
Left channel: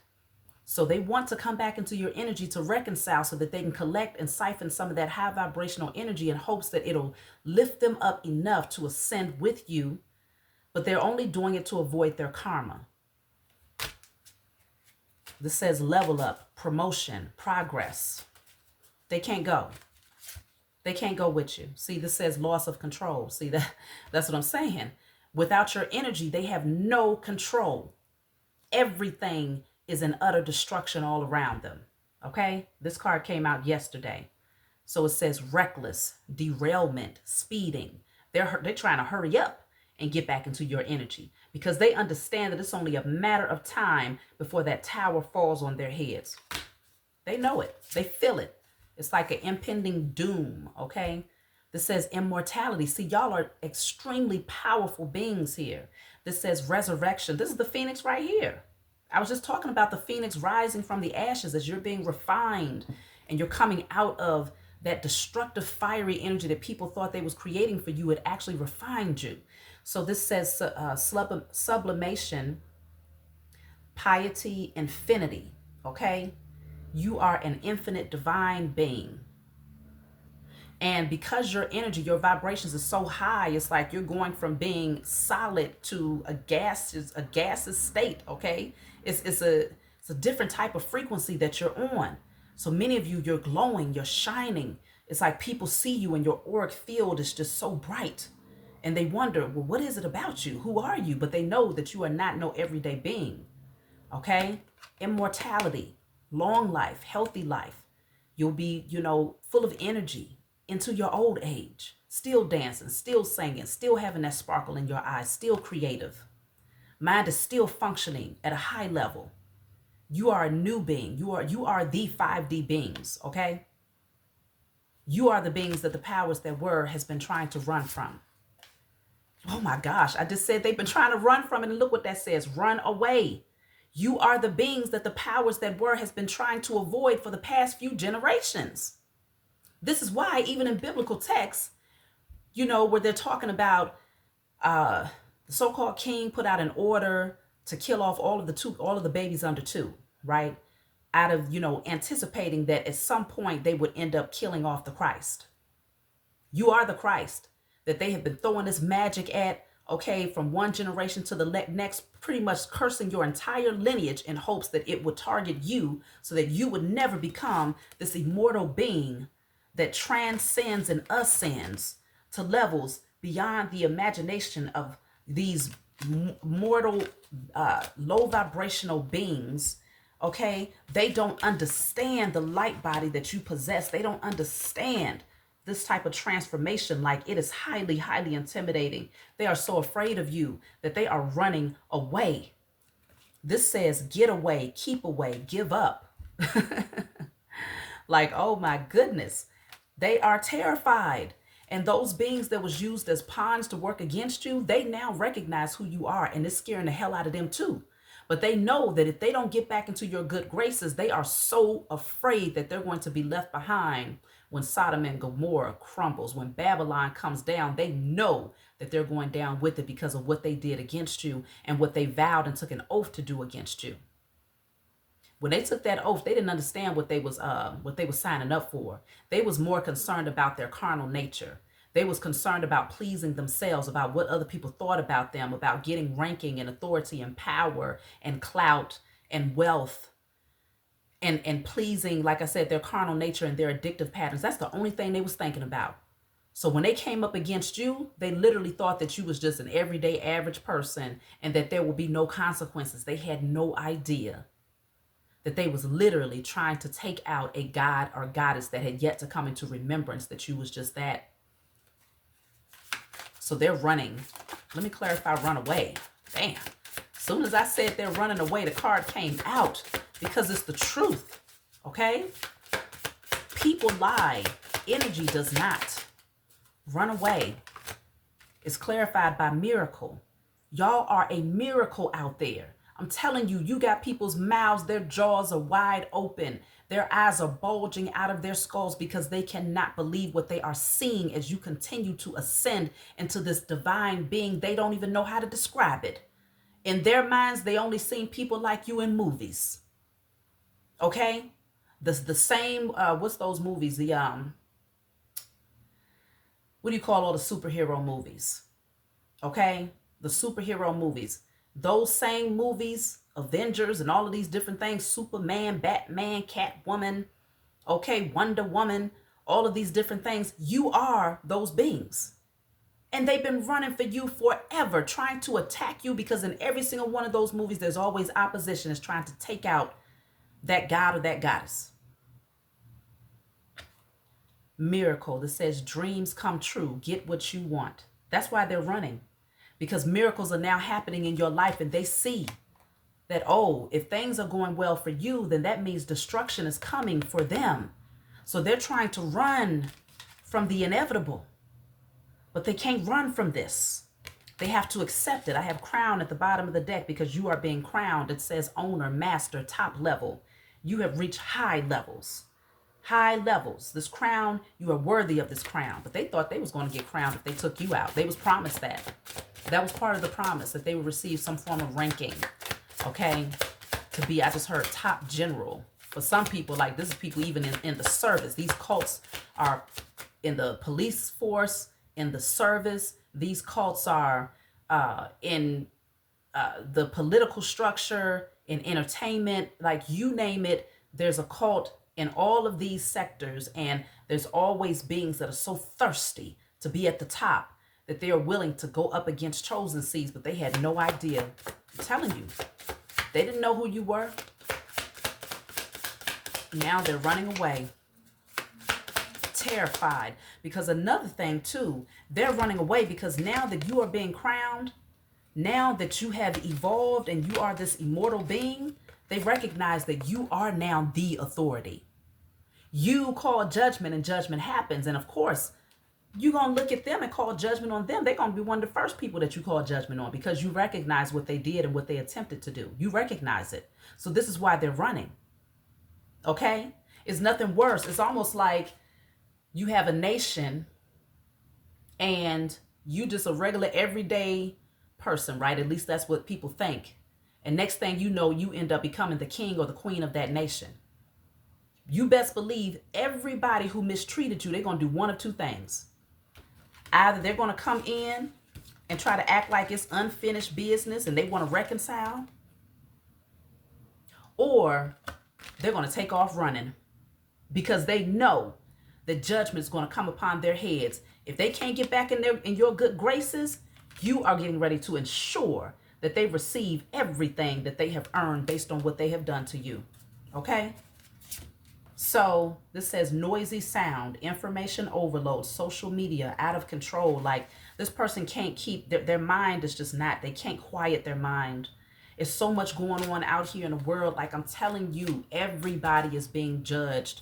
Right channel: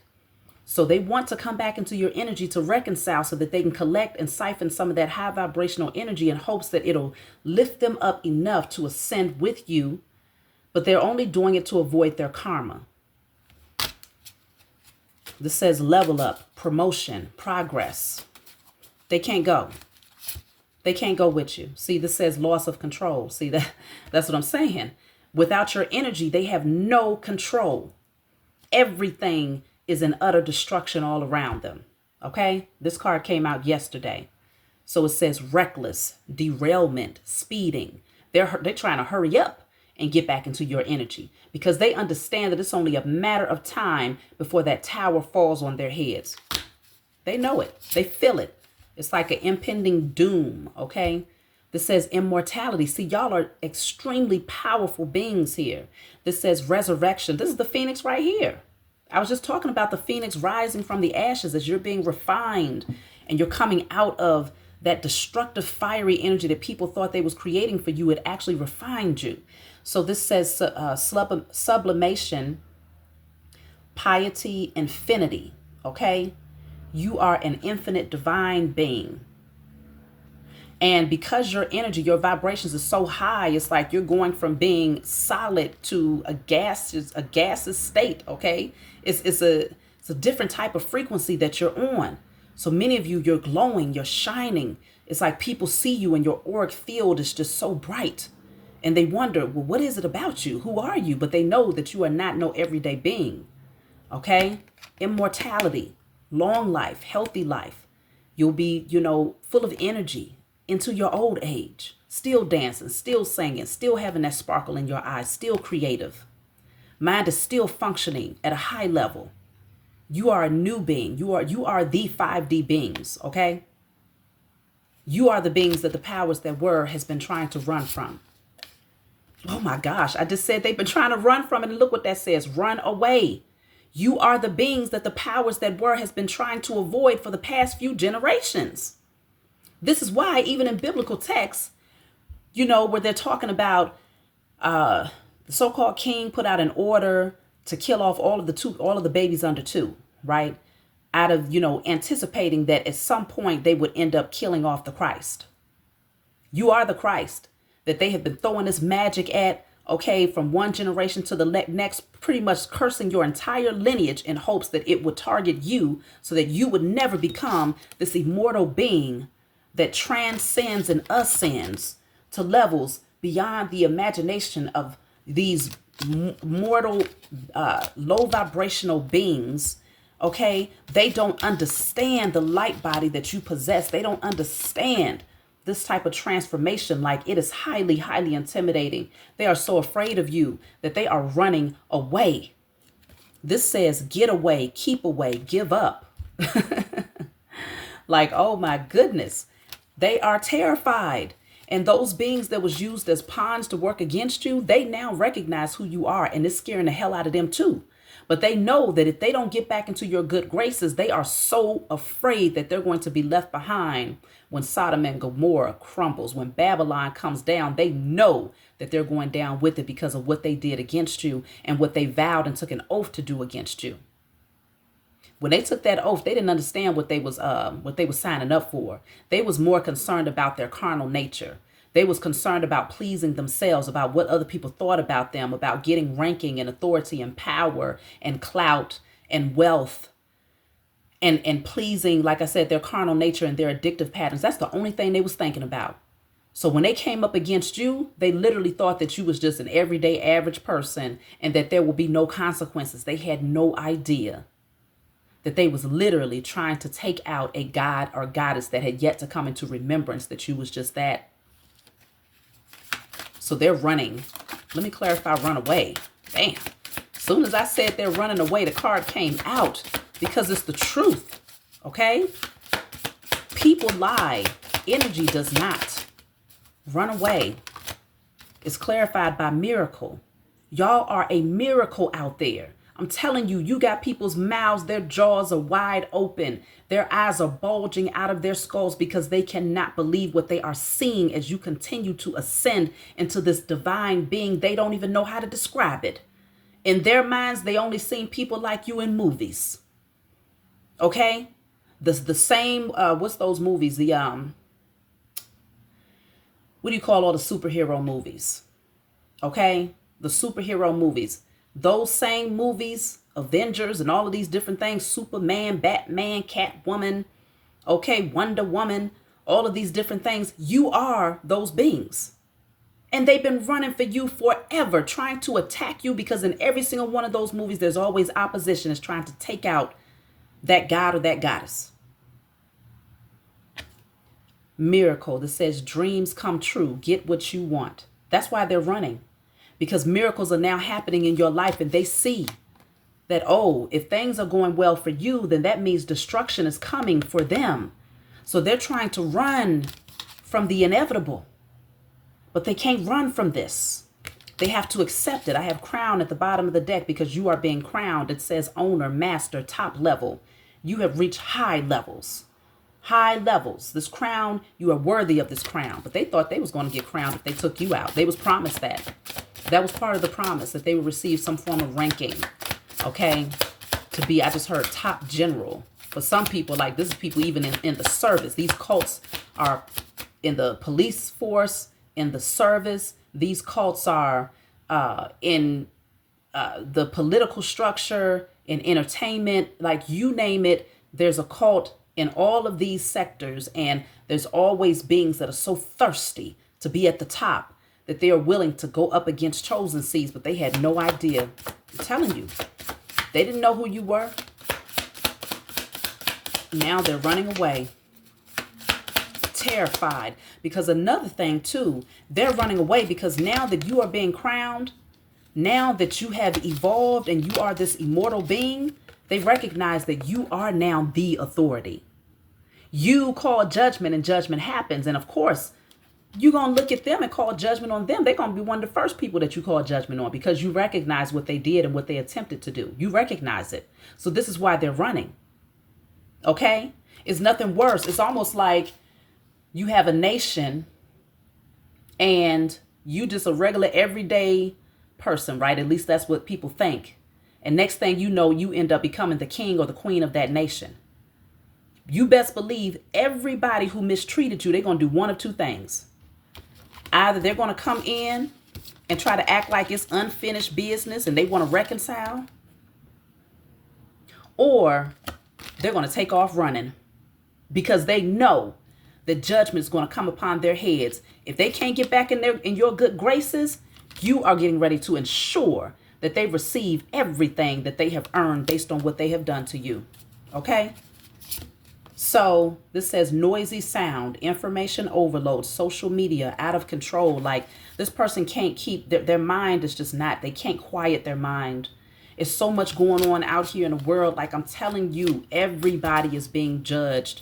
So they want to come back into your energy to reconcile so that they can collect and siphon some of that high vibrational energy in hopes that it'll lift them up enough to ascend with you. But they're only doing it to avoid their karma. This says level up, promotion, progress. They can't go. They can't go with you. See, this says loss of control. See, that's what I'm saying. Without your energy, they have no control. Everything is in utter destruction all around them. Okay? This card came out yesterday. So it says reckless, derailment, speeding. They're trying to hurry up and get back into your energy, because they understand that it's only a matter of time before that tower falls on their heads. They know it. They feel it. It's like an impending doom. Okay? This says immortality. See, y'all are extremely powerful beings here. This says resurrection. This is the phoenix right here. I was just talking about the phoenix rising from the ashes as you're being refined and you're coming out of that destructive, fiery energy that people thought they was creating for you. It actually refined you. So this says sublimation, piety, infinity. Okay? You are an infinite divine being. And because your energy, your vibrations is so high, it's like you're going from being solid to a gaseous state, okay? It's a different type of frequency that you're on. So many of you, you're glowing, you're shining. It's like people see you and your auric field is just so bright. And they wonder, well, what is it about you? Who are you? But they know that you are not no everyday being. Okay? Immortality, long life, healthy life. You'll be, full of energy into your old age, still dancing, still singing, still having that sparkle in your eyes, still creative. Mind is still functioning at a high level. You are a new being. You are the 5D beings, okay? You are the beings that the powers that were has been trying to run from. Oh my gosh, I just said they've been trying to run from it, and look what that says, run away. You are the beings that the powers that were has been trying to avoid for the past few generations. This is why even in biblical texts, where they're talking about the so-called king put out an order to kill off all of the babies under 2, right? Out of, anticipating that at some point they would end up killing off the Christ. You are the Christ that they have been throwing this magic at, okay, from one generation to the next, pretty much cursing your entire lineage in hopes that it would target you so that you would never become this immortal being that transcends and ascends to levels beyond the imagination of these mortal, low vibrational beings. Okay, they don't understand the light body that you possess. They don't understand this type of transformation. Like, it is highly, highly intimidating. They are so afraid of you that they are running away. This says, get away, keep away, give up. Like, oh my goodness, they are terrified. And those beings that was used as pawns to work against you, they now recognize who you are, and it's scaring the hell out of them too. But they know that if they don't get back into your good graces, they are so afraid that they're going to be left behind when Sodom and Gomorrah crumbles. When Babylon comes down, they know that they're going down with it because of what they did against you and what they vowed and took an oath to do against you. When they took that oath, they didn't understand what they was signing up for. They was more concerned about their carnal nature. They was concerned about pleasing themselves, about what other people thought about them, about getting ranking and authority and power and clout and wealth and pleasing, like I said, their carnal nature and their addictive patterns. That's the only thing they was thinking about. So when they came up against you, they literally thought that you was just an everyday average person and that there will be no consequences. They had no idea that they was literally trying to take out a god or goddess that had yet to come into remembrance that you was just that. So they're running. Let me clarify, run away. Bam. As soon as I said they're running away, the card came out because it's the truth. Okay? People lie. Energy does not. Run away. It's clarified by miracle. Y'all are a miracle out there. I'm telling you, you got people's mouths, their jaws are wide open. Their eyes are bulging out of their skulls because they cannot believe what they are seeing as you continue to ascend into this divine being. They don't even know how to describe it. In their minds, they only seen people like you in movies. Okay? The same, what's those movies? The, what do you call all the superhero movies? Okay? The superhero movies. Those same movies, Avengers and all of these different things, Superman, Batman, Catwoman, okay, Wonder Woman, all of these different things, you are those beings. And they've been running for you forever, trying to attack you because in every single one of those movies, there's always opposition is trying to take out that god or that goddess. Miracle that says dreams come true, get what you want. That's why they're running. Because miracles are now happening in your life and they see that, oh, if things are going well for you, then that means destruction is coming for them. So they're trying to run from the inevitable, but they can't run from this. They have to accept it. I have crown at the bottom of the deck because you are being crowned. It says owner, master, top level. You have reached high levels. High levels. This crown, you are worthy of this crown. But they thought they was going to get crowned if they took you out. They was promised that. That was part of the promise, that they would receive some form of ranking, okay, to be, I just heard, top general. For some people, like this is people even in the service. These cults are in the police force, in the service. These cults are in the political structure, in entertainment, like you name it, there's a cult in all of these sectors, and there's always beings that are so thirsty to be at the top that they are willing to go up against chosen seeds, but they had no idea. I'm telling you, they didn't know who you were. Now they're running away, terrified. Because another thing too, they're running away because now that you are being crowned, now that you have evolved and you are this immortal being, they recognize that you are now the authority. You call judgment and judgment happens. And of course, you're going to look at them and call judgment on them. They're going to be one of the first people that you call judgment on because you recognize what they did and what they attempted to do. You recognize it. So this is why they're running. Okay? It's nothing worse. It's almost like you have a nation and you just a regular everyday person, right? At least that's what people think. And next thing you know, you end up becoming the king or the queen of that nation. You best believe everybody who mistreated you, they're going to do one of two things. Either they're going to come in and try to act like it's unfinished business and they want to reconcile, or they're going to take off running because they know the judgment is going to come upon their heads. If they can't get back in your good graces, you are getting ready to ensure that they receive everything that they have earned based on what they have done to you. Okay? So this says noisy sound, information overload, social media, out of control. Like this person can't keep, their mind is just not, they can't quiet their mind. It's so much going on out here in the world. Like I'm telling you, everybody is being judged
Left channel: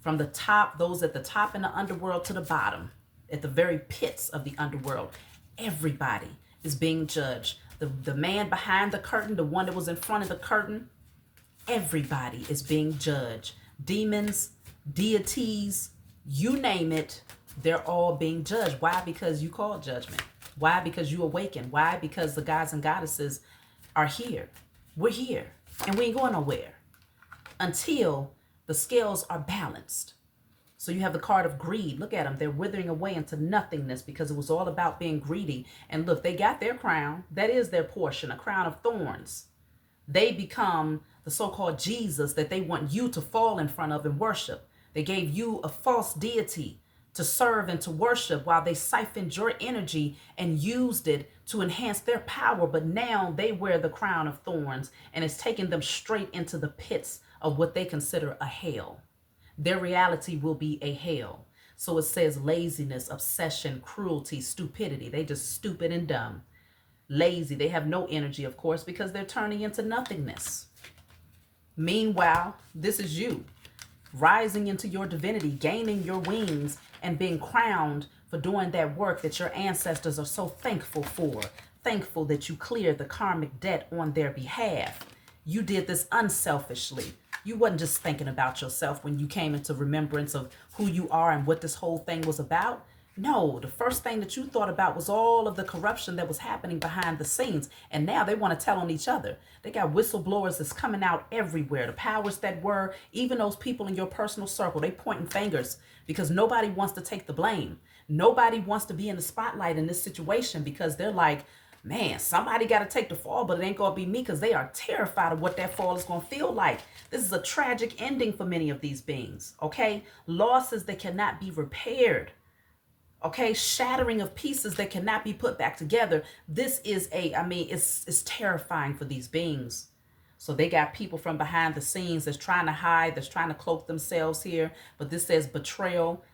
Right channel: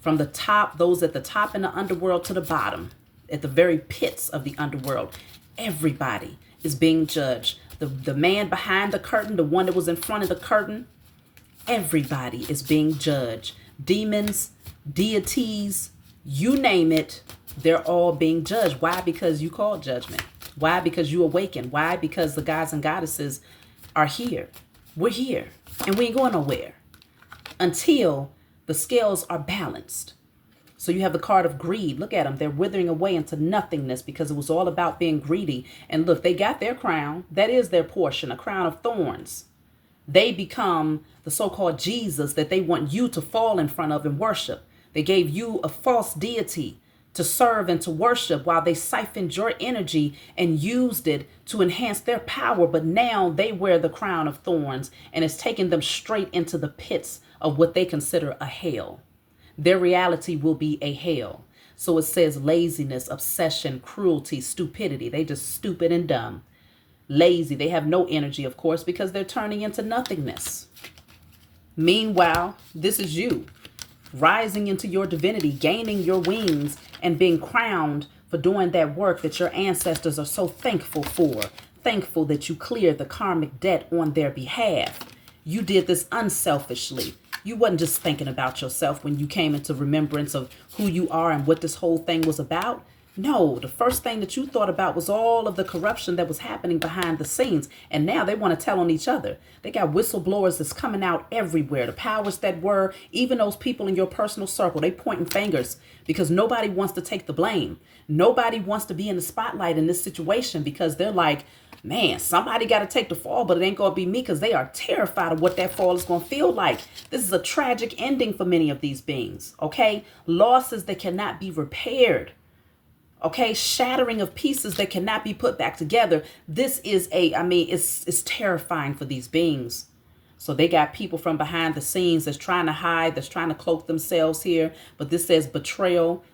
from the top, those at the top in the underworld to the bottom, at the very pits of the underworld. Everybody is being judged. The man behind the curtain, the one that was in front of the curtain, everybody is being judged. Demons, deities, you name it, they're all being judged. Why? Because you called judgment. Why? Because you awakened. Why? Because the gods and goddesses are here. We're here. And we ain't going nowhere until the scales are balanced. So you have the card of greed. Look at them. They're withering away into nothingness because it was all about being greedy. And look, they got their crown. That is their portion, a crown of thorns. They become the so-called Jesus that they want you to fall in front of and worship. They gave you a false deity to serve and to worship while they siphoned your energy and used it to enhance their power. But now they wear the crown of thorns and it's taking them straight into the pits of what they consider a hell. Their reality will be a hell. So it says laziness, obsession, cruelty, stupidity. They just stupid and dumb. Lazy. They have no energy, of course, because they're turning into nothingness. Meanwhile, this is you rising into your divinity, gaining your wings and being crowned for doing that work that your ancestors are so thankful for. Thankful that you cleared the karmic debt on their behalf. You did this unselfishly. You wasn't just thinking about yourself when you came into remembrance of who you are and what this whole thing was about. No, the first thing that you thought about was all of the corruption that was happening behind the scenes. And now they want to tell on each other. They got whistleblowers that's coming out everywhere. The powers that were, even those people in your personal circle, they pointing fingers because nobody wants to take the blame. Nobody wants to be in the spotlight in this situation because they're like, man, somebody got to take the fall, but it ain't going to be me because they are terrified of what that fall is going to feel like. This is a tragic ending for many of these beings, okay? Losses that cannot be repaired, okay? Shattering of pieces that cannot be put back together. This is it's terrifying for these beings. So they got people from behind the scenes that's trying to hide, that's trying to cloak themselves here. But this says betrayal,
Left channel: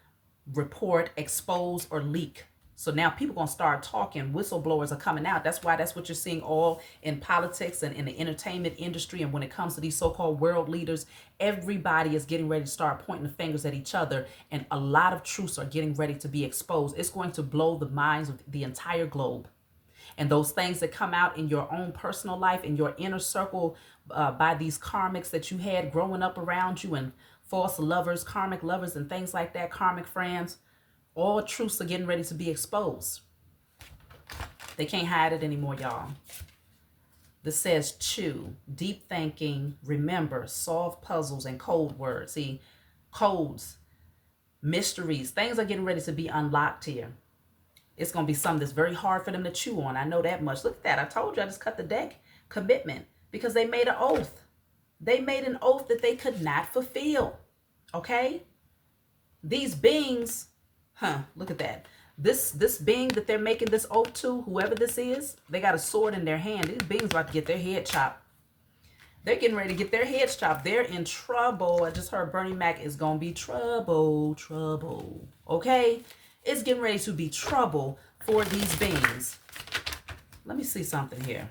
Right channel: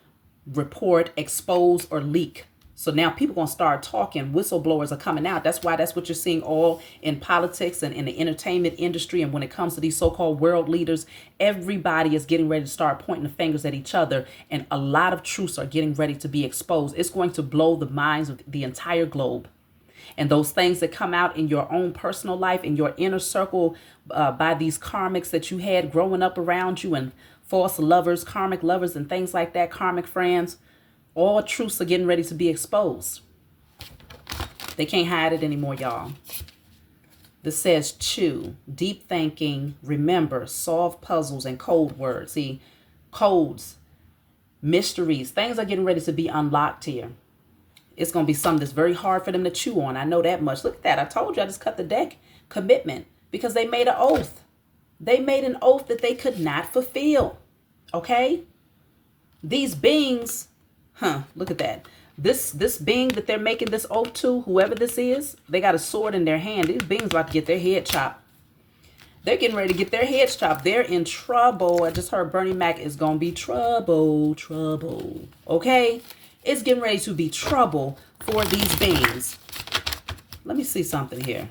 report, expose, or leak. So now people going to start talking. Whistleblowers are coming out. That's what you're seeing all in politics and in the entertainment industry. And when it comes to these so-called world leaders, everybody is getting ready to start pointing the fingers at each other. And a lot of truths are getting ready to be exposed. It's going to blow the minds of the entire globe. And those things that come out in your own personal life, in your inner circle, by these karmics that you had growing up around you, and false lovers, karmic lovers, and things like that, karmic friends, all truths are getting ready to be exposed. They can't hide it anymore, y'all. This says chew, deep thinking, remember, solve puzzles and code words. See, codes, mysteries, things are getting ready to be unlocked here. It's going to be something that's very hard for them to chew on. I know that much. Look at that. I told you I just cut the deck. Commitment. Because they made an oath. They made an oath that they could not fulfill. Okay? These beings, look at that. This being that they're making this oath to, whoever this is, they got a sword in their hand. These beings about to get their head chopped. They're getting ready to get their heads chopped. They're in trouble. I just heard Bernie Mac is going to be trouble. Okay? It's getting ready to be trouble for these beings. Let me see something here.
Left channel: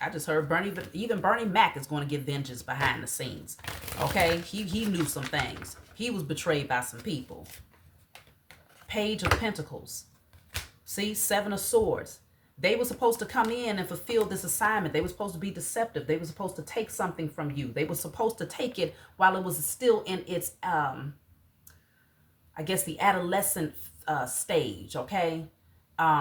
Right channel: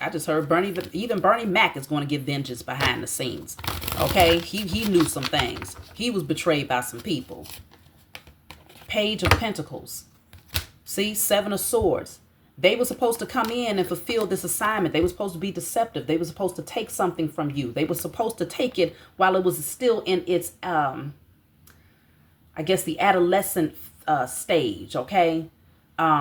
I just heard even Bernie Mac is going to get vengeance behind the scenes. Okay? He knew some things. He was betrayed by some people. Page of Pentacles. See? Seven of Swords. They were supposed to come in and fulfill this assignment. They were supposed to be deceptive. They were supposed to take something from you. They were supposed to take it while it was still in its, I guess, the adolescent stage, okay?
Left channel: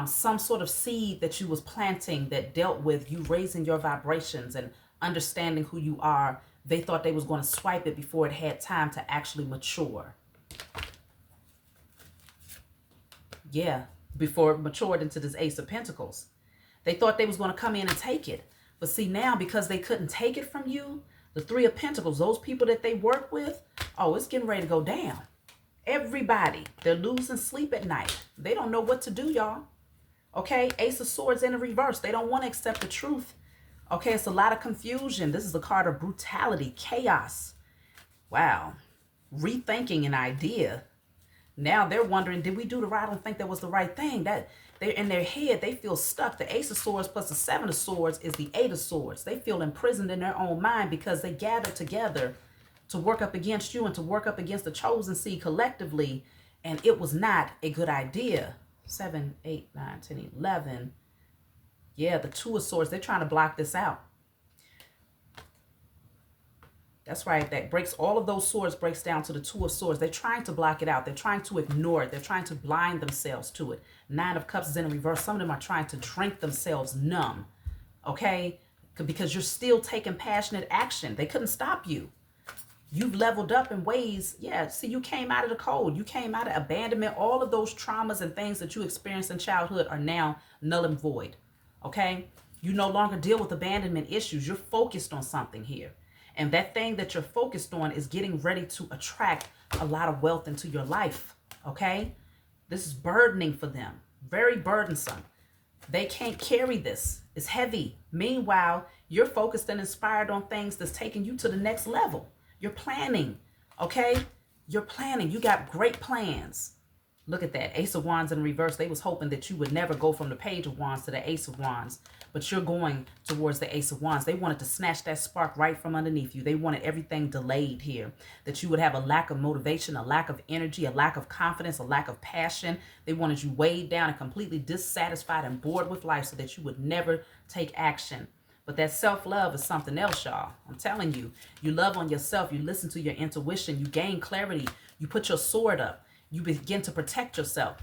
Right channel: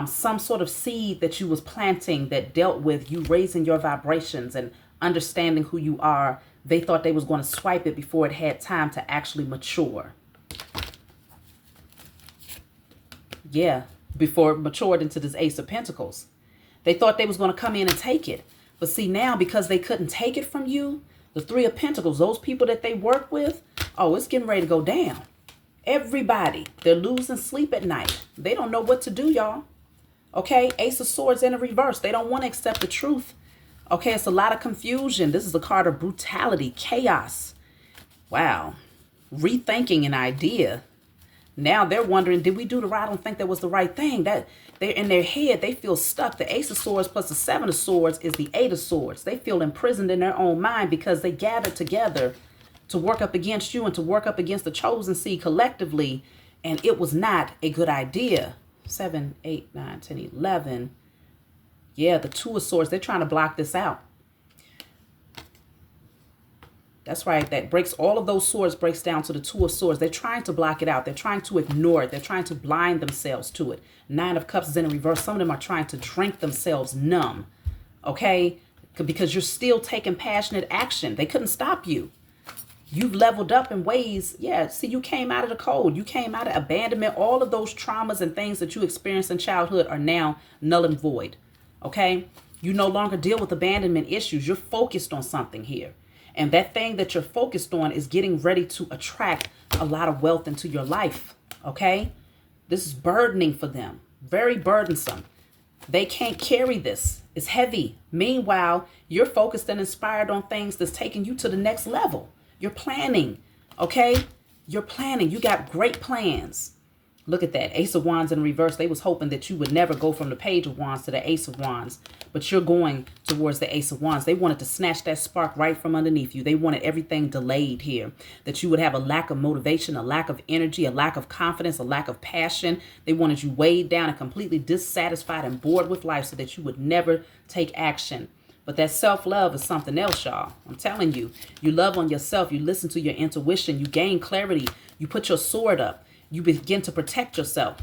Some sort of seed that you was planting that dealt with you raising your vibrations and understanding who you are. They thought they was going to swipe it before it had time to actually mature. Yeah. Before it matured into this Ace of Pentacles. They thought they was going to come in and take it. But see, now because they couldn't take it from you, the Three of Pentacles, those people that they work with, oh, it's getting ready to go down. Everybody, they're losing sleep at night. They don't know what to do, y'all. Okay, Ace of Swords in a reverse. They don't want to accept the truth. Okay, it's a lot of confusion. This is a card of brutality, chaos. Wow. Rethinking an idea. Now they're wondering, did we do the right? I don't think that was the right thing. That they're in their head, they feel stuck. The Ace of Swords plus the Seven of Swords is the Eight of Swords. They feel imprisoned in their own mind because they gathered together to work up against you and to work up against the chosen seed collectively. And it was not a good idea. 7, 8, 9, 10, 11. Yeah, the Two of Swords, they're trying to block this out. That's right. That breaks all of those swords breaks down to the Two of Swords. They're trying to block it out. They're trying to ignore it. They're trying to blind themselves to it. Nine of Cups is in reverse. Some of them are trying to drink themselves numb. Okay? Because you're still taking passionate action. They couldn't stop you. You've leveled up in ways. Yeah, see, you came out of the cold. You came out of abandonment. All of those traumas and things that you experienced in childhood are now null and void. Okay? You no longer deal with abandonment issues. You're focused on something here. And that thing that you're focused on is getting ready to attract a lot of wealth into your life. Okay? This is burdening for them. Very burdensome. They can't carry this. It's heavy. Meanwhile, you're focused and inspired on things that's taking you to the next level. You're planning. Okay? You're planning. You got great plans. Look at that. Ace of Wands in reverse. They was hoping that you would never go from the Page of Wands to the Ace of Wands. But you're going towards the Ace of Wands. They wanted to snatch that spark right from underneath you. They wanted everything delayed here. That you would have a lack of motivation, a lack of energy, a lack of confidence, a lack of passion. They wanted you weighed down and completely dissatisfied and bored with life so that you would never take action. But that self-love is something else, y'all. I'm telling you. You love on yourself. You listen to your intuition. You gain clarity. You put your sword up. You begin to protect yourself.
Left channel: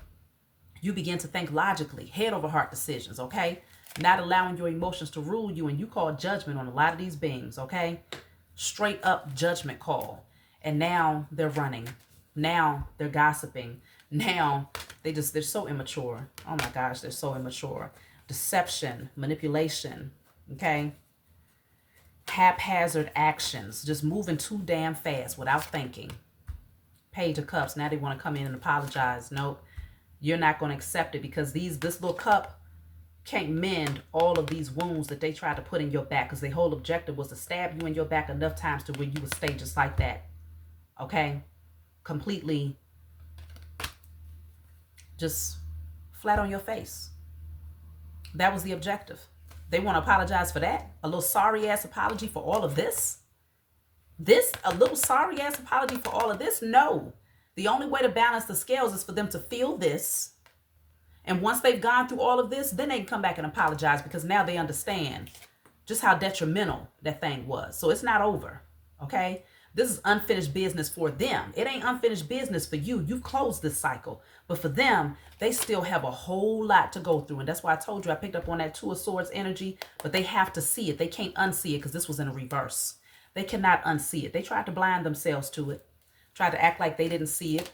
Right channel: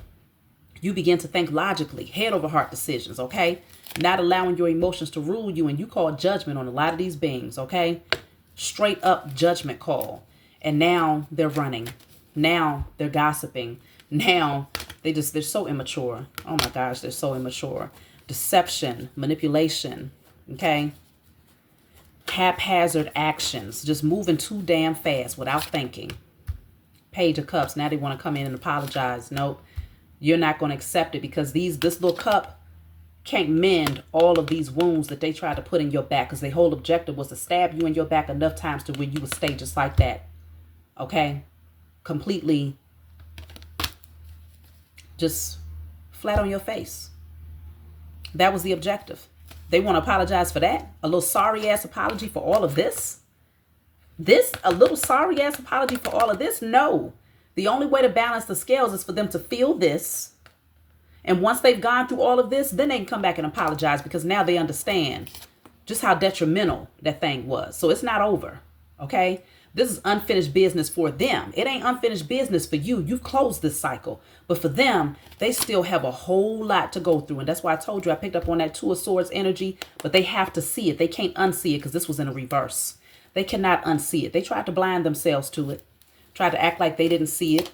You begin to think logically, head over heart decisions, okay? Not allowing your emotions to rule you, and you call judgment on a lot of these beings, okay? Straight up judgment call. And now they're running. Now they're gossiping. Now they're so immature. Oh my gosh, they're so immature. Deception, manipulation, okay? Haphazard actions, just moving too damn fast without thinking. Page of Cups. Now they want to come in and apologize. Nope. You're not going to accept it because this little cup can't mend all of these wounds that they tried to put in your back, because their whole objective was to stab you in your back enough times to where you would stay just like that. Okay? Completely just flat on your face. That was the objective. They want to apologize for that? A little sorry ass apology for all of this? A little sorry ass apology for all of this? No. The only way to balance the scales is for them to feel this. And once they've gone through all of this, then they can come back and apologize, because now they understand just how detrimental that thing was. So it's not over. Okay? This is unfinished business for them. It ain't unfinished business for you. You've closed this cycle. But for them, they still have a whole lot to go through. And that's why I told you I picked up on that Two of Swords energy. But they have to see it. They can't unsee it because this was in a reverse. They cannot unsee it. They tried to blind themselves to it. Tried to act like they didn't see it.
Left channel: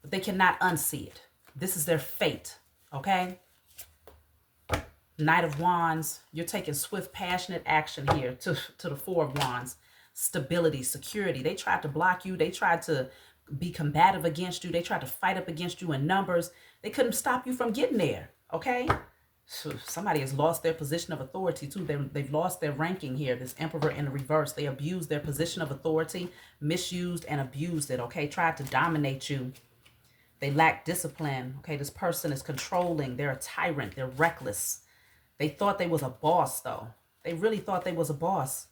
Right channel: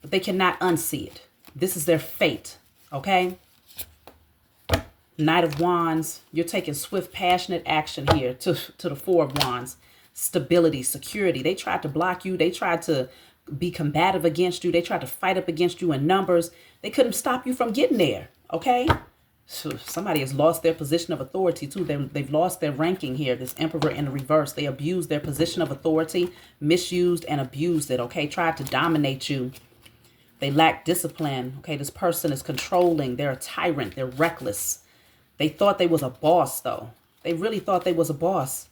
But they cannot unsee it. This is their fate. Okay? Knight of Wands, you're taking swift, passionate action here to the Four of Wands. Stability, security. They tried to block you. They tried to be combative against you. They tried to fight up against you in numbers. They couldn't stop you from getting there, okay? So somebody has lost their position of authority too. They've lost their ranking here. This Emperor in the reverse. They abused their position of authority, misused and abused it, okay? Tried to dominate you. They lack discipline, okay? This person is controlling. They're a tyrant. They're reckless. They thought they was a boss, though. They really thought they was a boss.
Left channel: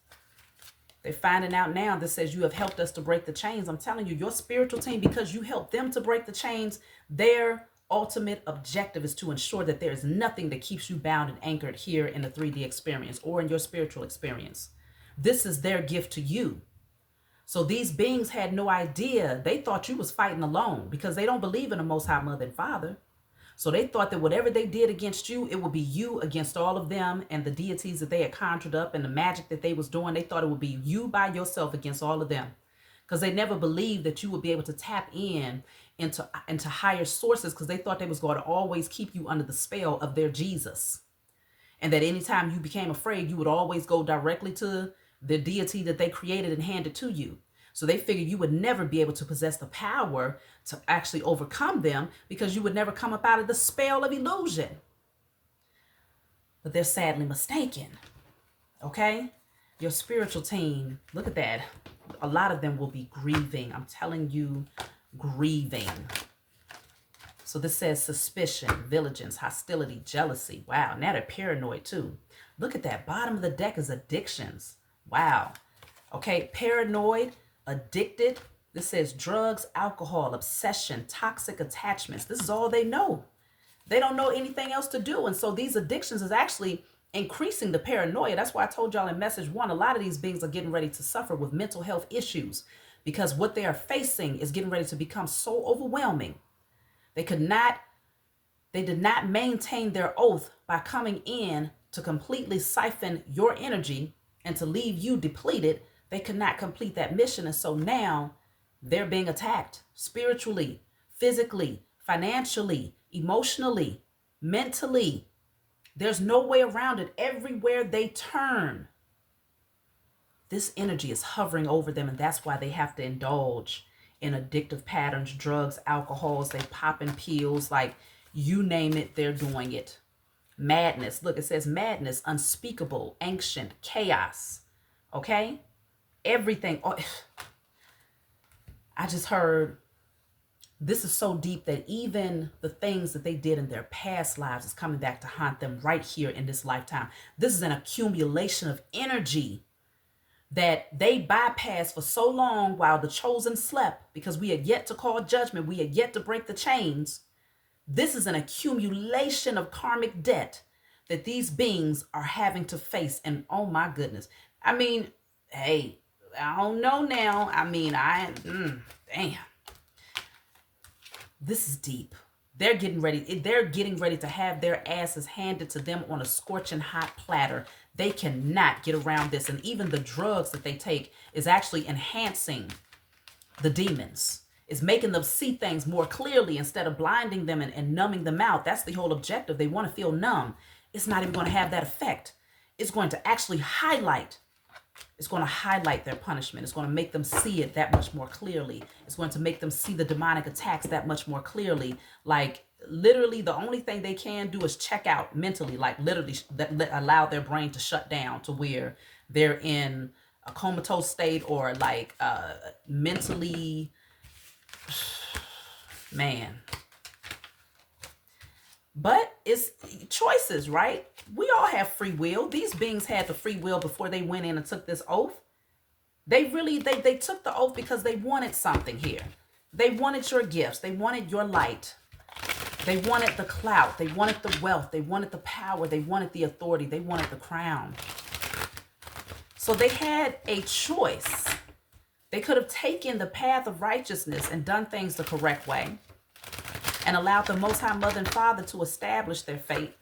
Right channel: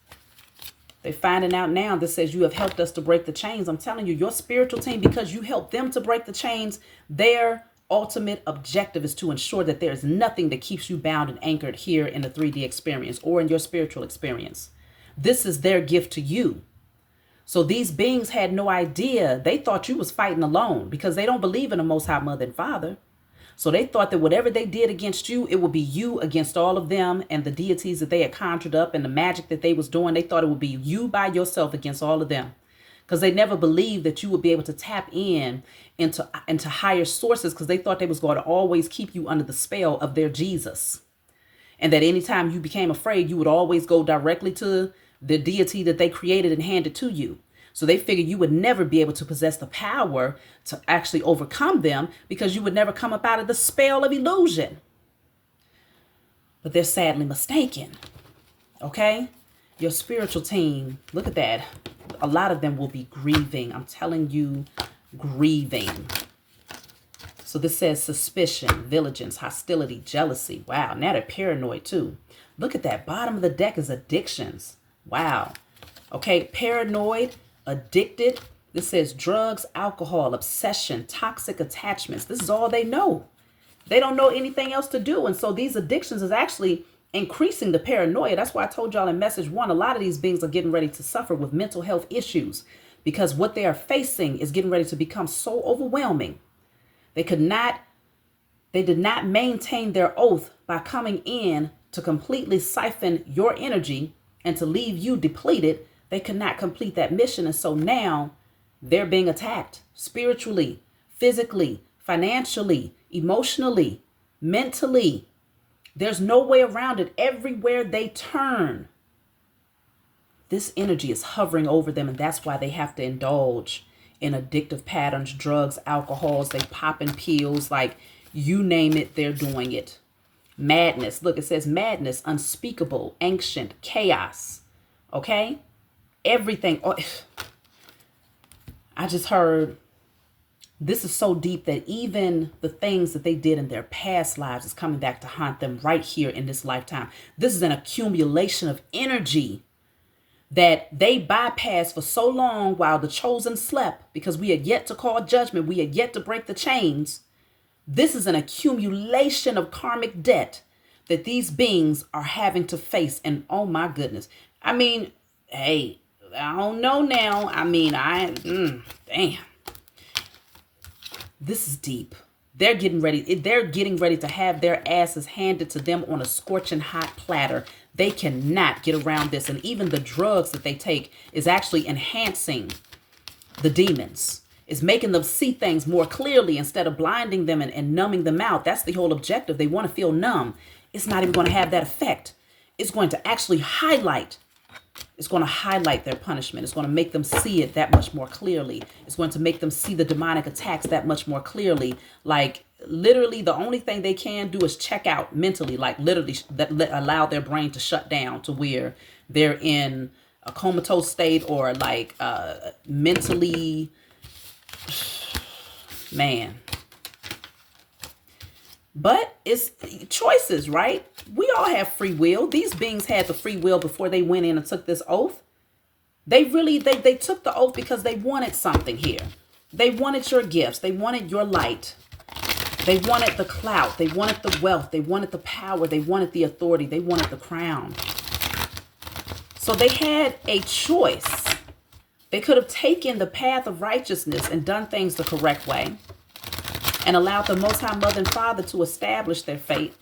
They're finding out now that says you have helped us to break the chains. I'm telling you, your spiritual team, because you helped them to break the chains, their ultimate objective is to ensure that there is nothing that keeps you bound and anchored here in the 3D experience or in your spiritual experience. This is their gift to you. So these beings had no idea. They thought you was fighting alone because they don't believe in the Most High Mother and Father. So they thought that whatever they did against you, it would be you against all of them and the deities that they had conjured up and the magic that they was doing. They thought it would be you by yourself against all of them because they never believed that you would be able to tap into higher sources because they thought they was going to always keep you under the spell of their Jesus. And that anytime you became afraid, you would always go directly to the deity that they created and handed to you. So they figured you would never be able to possess the power to actually overcome them because you would never come up out of the spell of illusion. But they're sadly mistaken. Okay? Your spiritual team, look at that. A lot of them will be grieving. I'm telling you, grieving. So this says suspicion, vigilance, hostility, jealousy. Wow, now they're paranoid too. Look at that. Bottom of the deck is addictions. Wow. Okay, paranoid, addicted. This says drugs, alcohol, obsession, toxic attachments. This is all they know. They don't know anything else to do. And so these addictions is actually increasing the paranoia. That's why I told y'all in message 1, a lot of these beings are getting ready to suffer with mental health issues because what they are facing is getting ready to become so overwhelming. They did not maintain their oath by coming in to completely siphon your energy and to leave you depleted. They could not complete that mission. And so now they're being attacked spiritually, physically, financially, emotionally, mentally. There's no way around it. Everywhere they turn, this energy is hovering over them. And that's why they have to indulge in addictive patterns, drugs, alcohols. They popping pills, like you name it, they're doing it. Madness. Look, it says madness, unspeakable, ancient, chaos. Okay? Everything. Oh, I just heard this is so deep that even the things that they did in their past lives is coming back to haunt them right here in this lifetime. This is an accumulation of energy that they bypassed for so long while the chosen slept because we had yet to call judgment. We had yet to break the chains. This is an accumulation of karmic debt that these beings are having to face. And oh my goodness. I mean, hey, I don't know now. I mean, damn. This is deep. They're getting ready to have their asses handed to them on a scorching hot platter. They cannot get around this. And even the drugs that they take is actually enhancing the demons. It's making them see things more clearly instead of blinding them and numbing them out. That's the whole objective. They want to feel numb. It's not even going to have that effect. It's going to actually highlight. It's going to highlight their punishment. It's going to make them see it that much more clearly. It's going to make them see the demonic attacks that much more clearly. Like literally the only thing they can do is check out mentally, like literally allow their brain to shut down to where they're in a comatose state or like mentally, man. But it's choices, right? We all have free will. These beings had the free will before they went in and took this oath. They took the oath because they wanted something here. They wanted your gifts. They wanted your light. They wanted the clout. They wanted the wealth. They wanted the power. They wanted the authority. They wanted the crown. So they had a choice. They could have taken the path of righteousness and done things the correct way and allowed the Most High Mother and Father to establish their fate.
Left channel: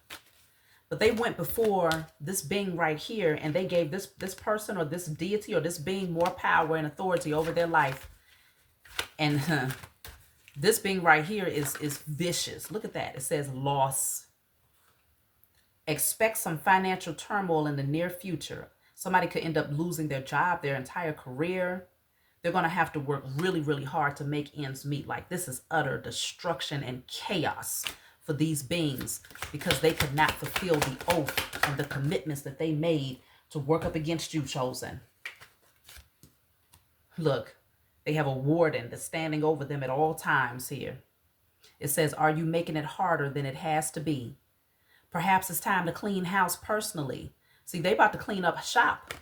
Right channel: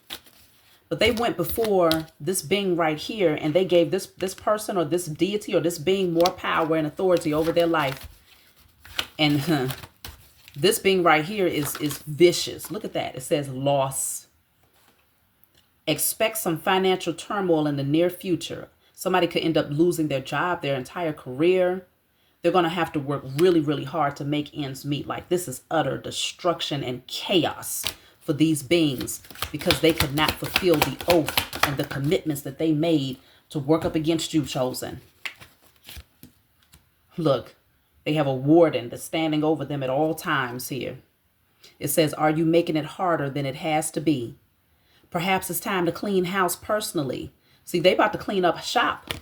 But they went before this being right here and they gave this person or this deity or this being more power and authority over their life. And this being right here is vicious. Look at that. It says loss. Expect some financial turmoil in the near future. Somebody could end up losing their job, their entire career. They're going to have to work really, really hard to make ends meet. Like, this is utter destruction and chaos for these beings because they could not fulfill the oath and the commitments that they made to work up against you, chosen. Look, they have a warden that's standing over them at all times here. It says, are you making it harder than it has to be? Perhaps it's time to clean house personally. See, they about to clean up shop.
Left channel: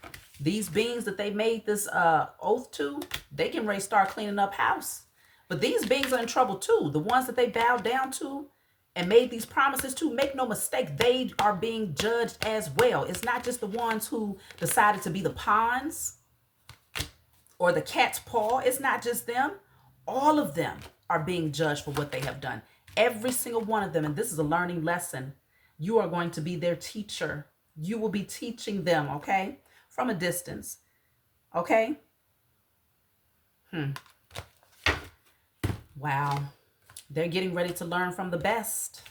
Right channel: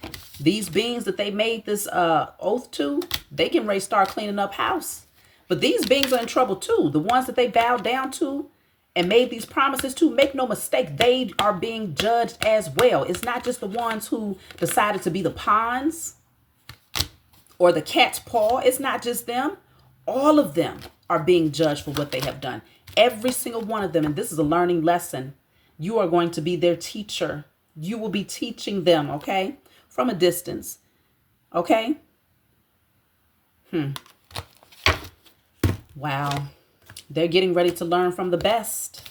These beings that they made this oath to, they can ready start cleaning up house. But these beings are in trouble too. The ones that they bowed down to and made these promises to, make no mistake, they are being judged as well. It's not just the ones who decided to be the pawns or the cat's paw. It's not just them. All of them are being judged for what they have done. Every single one of them. And this is a learning lesson. You are going to be their teacher. You will be teaching them, okay? From a distance, okay? Wow. They're getting ready to learn from the best.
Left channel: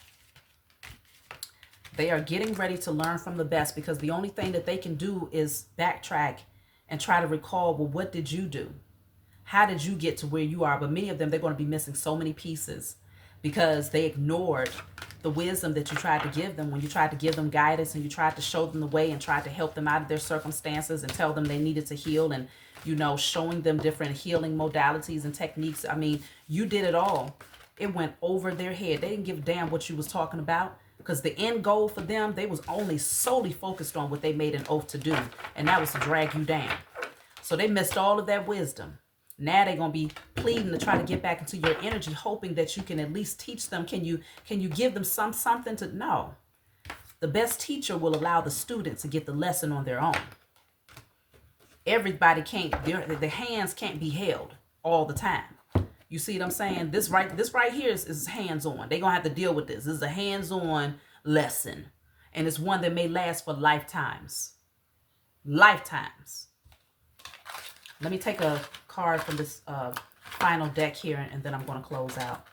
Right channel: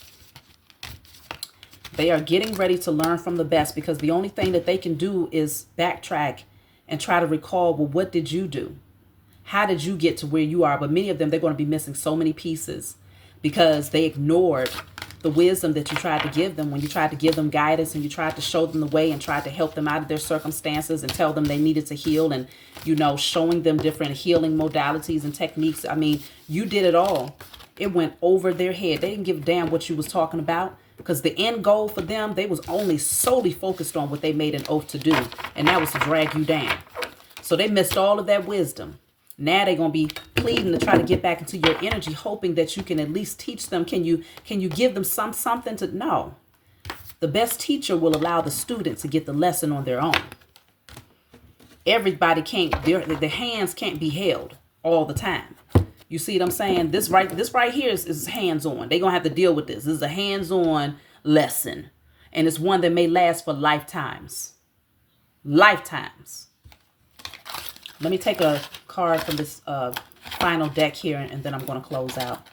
They are getting ready to learn from the best because the only thing that they can do is backtrack and try to recall, well, what did you do? How did you get to where you are? But many of them, they're going to be missing so many pieces because they ignored the wisdom that you tried to give them when you tried to give them guidance and you tried to show them the way and tried to help them out of their circumstances and tell them they needed to heal and, you know, showing them different healing modalities and techniques. I mean, you did it all. It went over their head. They didn't give a damn what you was talking about because the end goal for them, they was only solely focused on what they made an oath to do. And that was to drag you down. So they missed all of that wisdom. Now they're going to be pleading to try to get back into your energy, hoping that you can at least teach them. Can you give them something to know? The best teacher will allow the student to get the lesson on their own. Everybody can't, their hands can't be held all the time. You see what I'm saying? This right here is hands-on. They're going to have to deal with this. This is a hands-on lesson. And it's one that may last for lifetimes. Lifetimes. Let me take a card from this final deck here, and then I'm going to close out.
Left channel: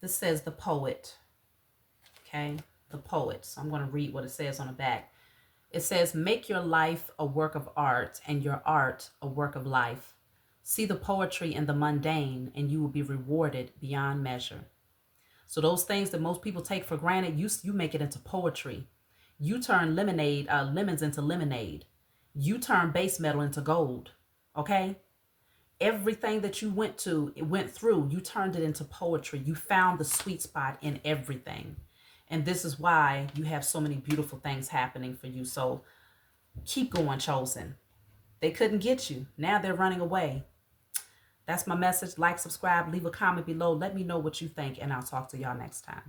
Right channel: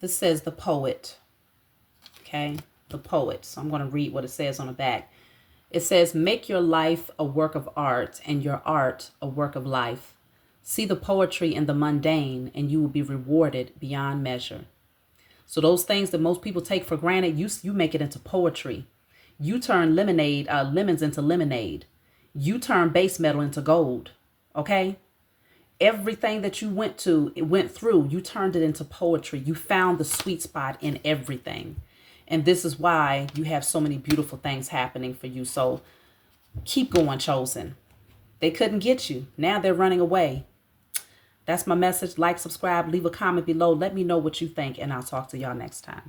This says the poet. Okay, the poet. So I'm going to read what it says on the back. It says, make your life a work of art and your art a work of life. See the poetry in the mundane and you will be rewarded beyond measure. So those things that most people take for granted, you make it into poetry. You turn lemons into lemonade. You turn base metal into gold. Okay? Everything that you went through, you turned it into poetry. You found the sweet spot in everything. And this is why you have so many beautiful things happening for you. So keep going, chosen. They couldn't get you. Now they're running away. That's my message. Like, subscribe, leave a comment below. Let me know what you think, and I'll talk to y'all next time.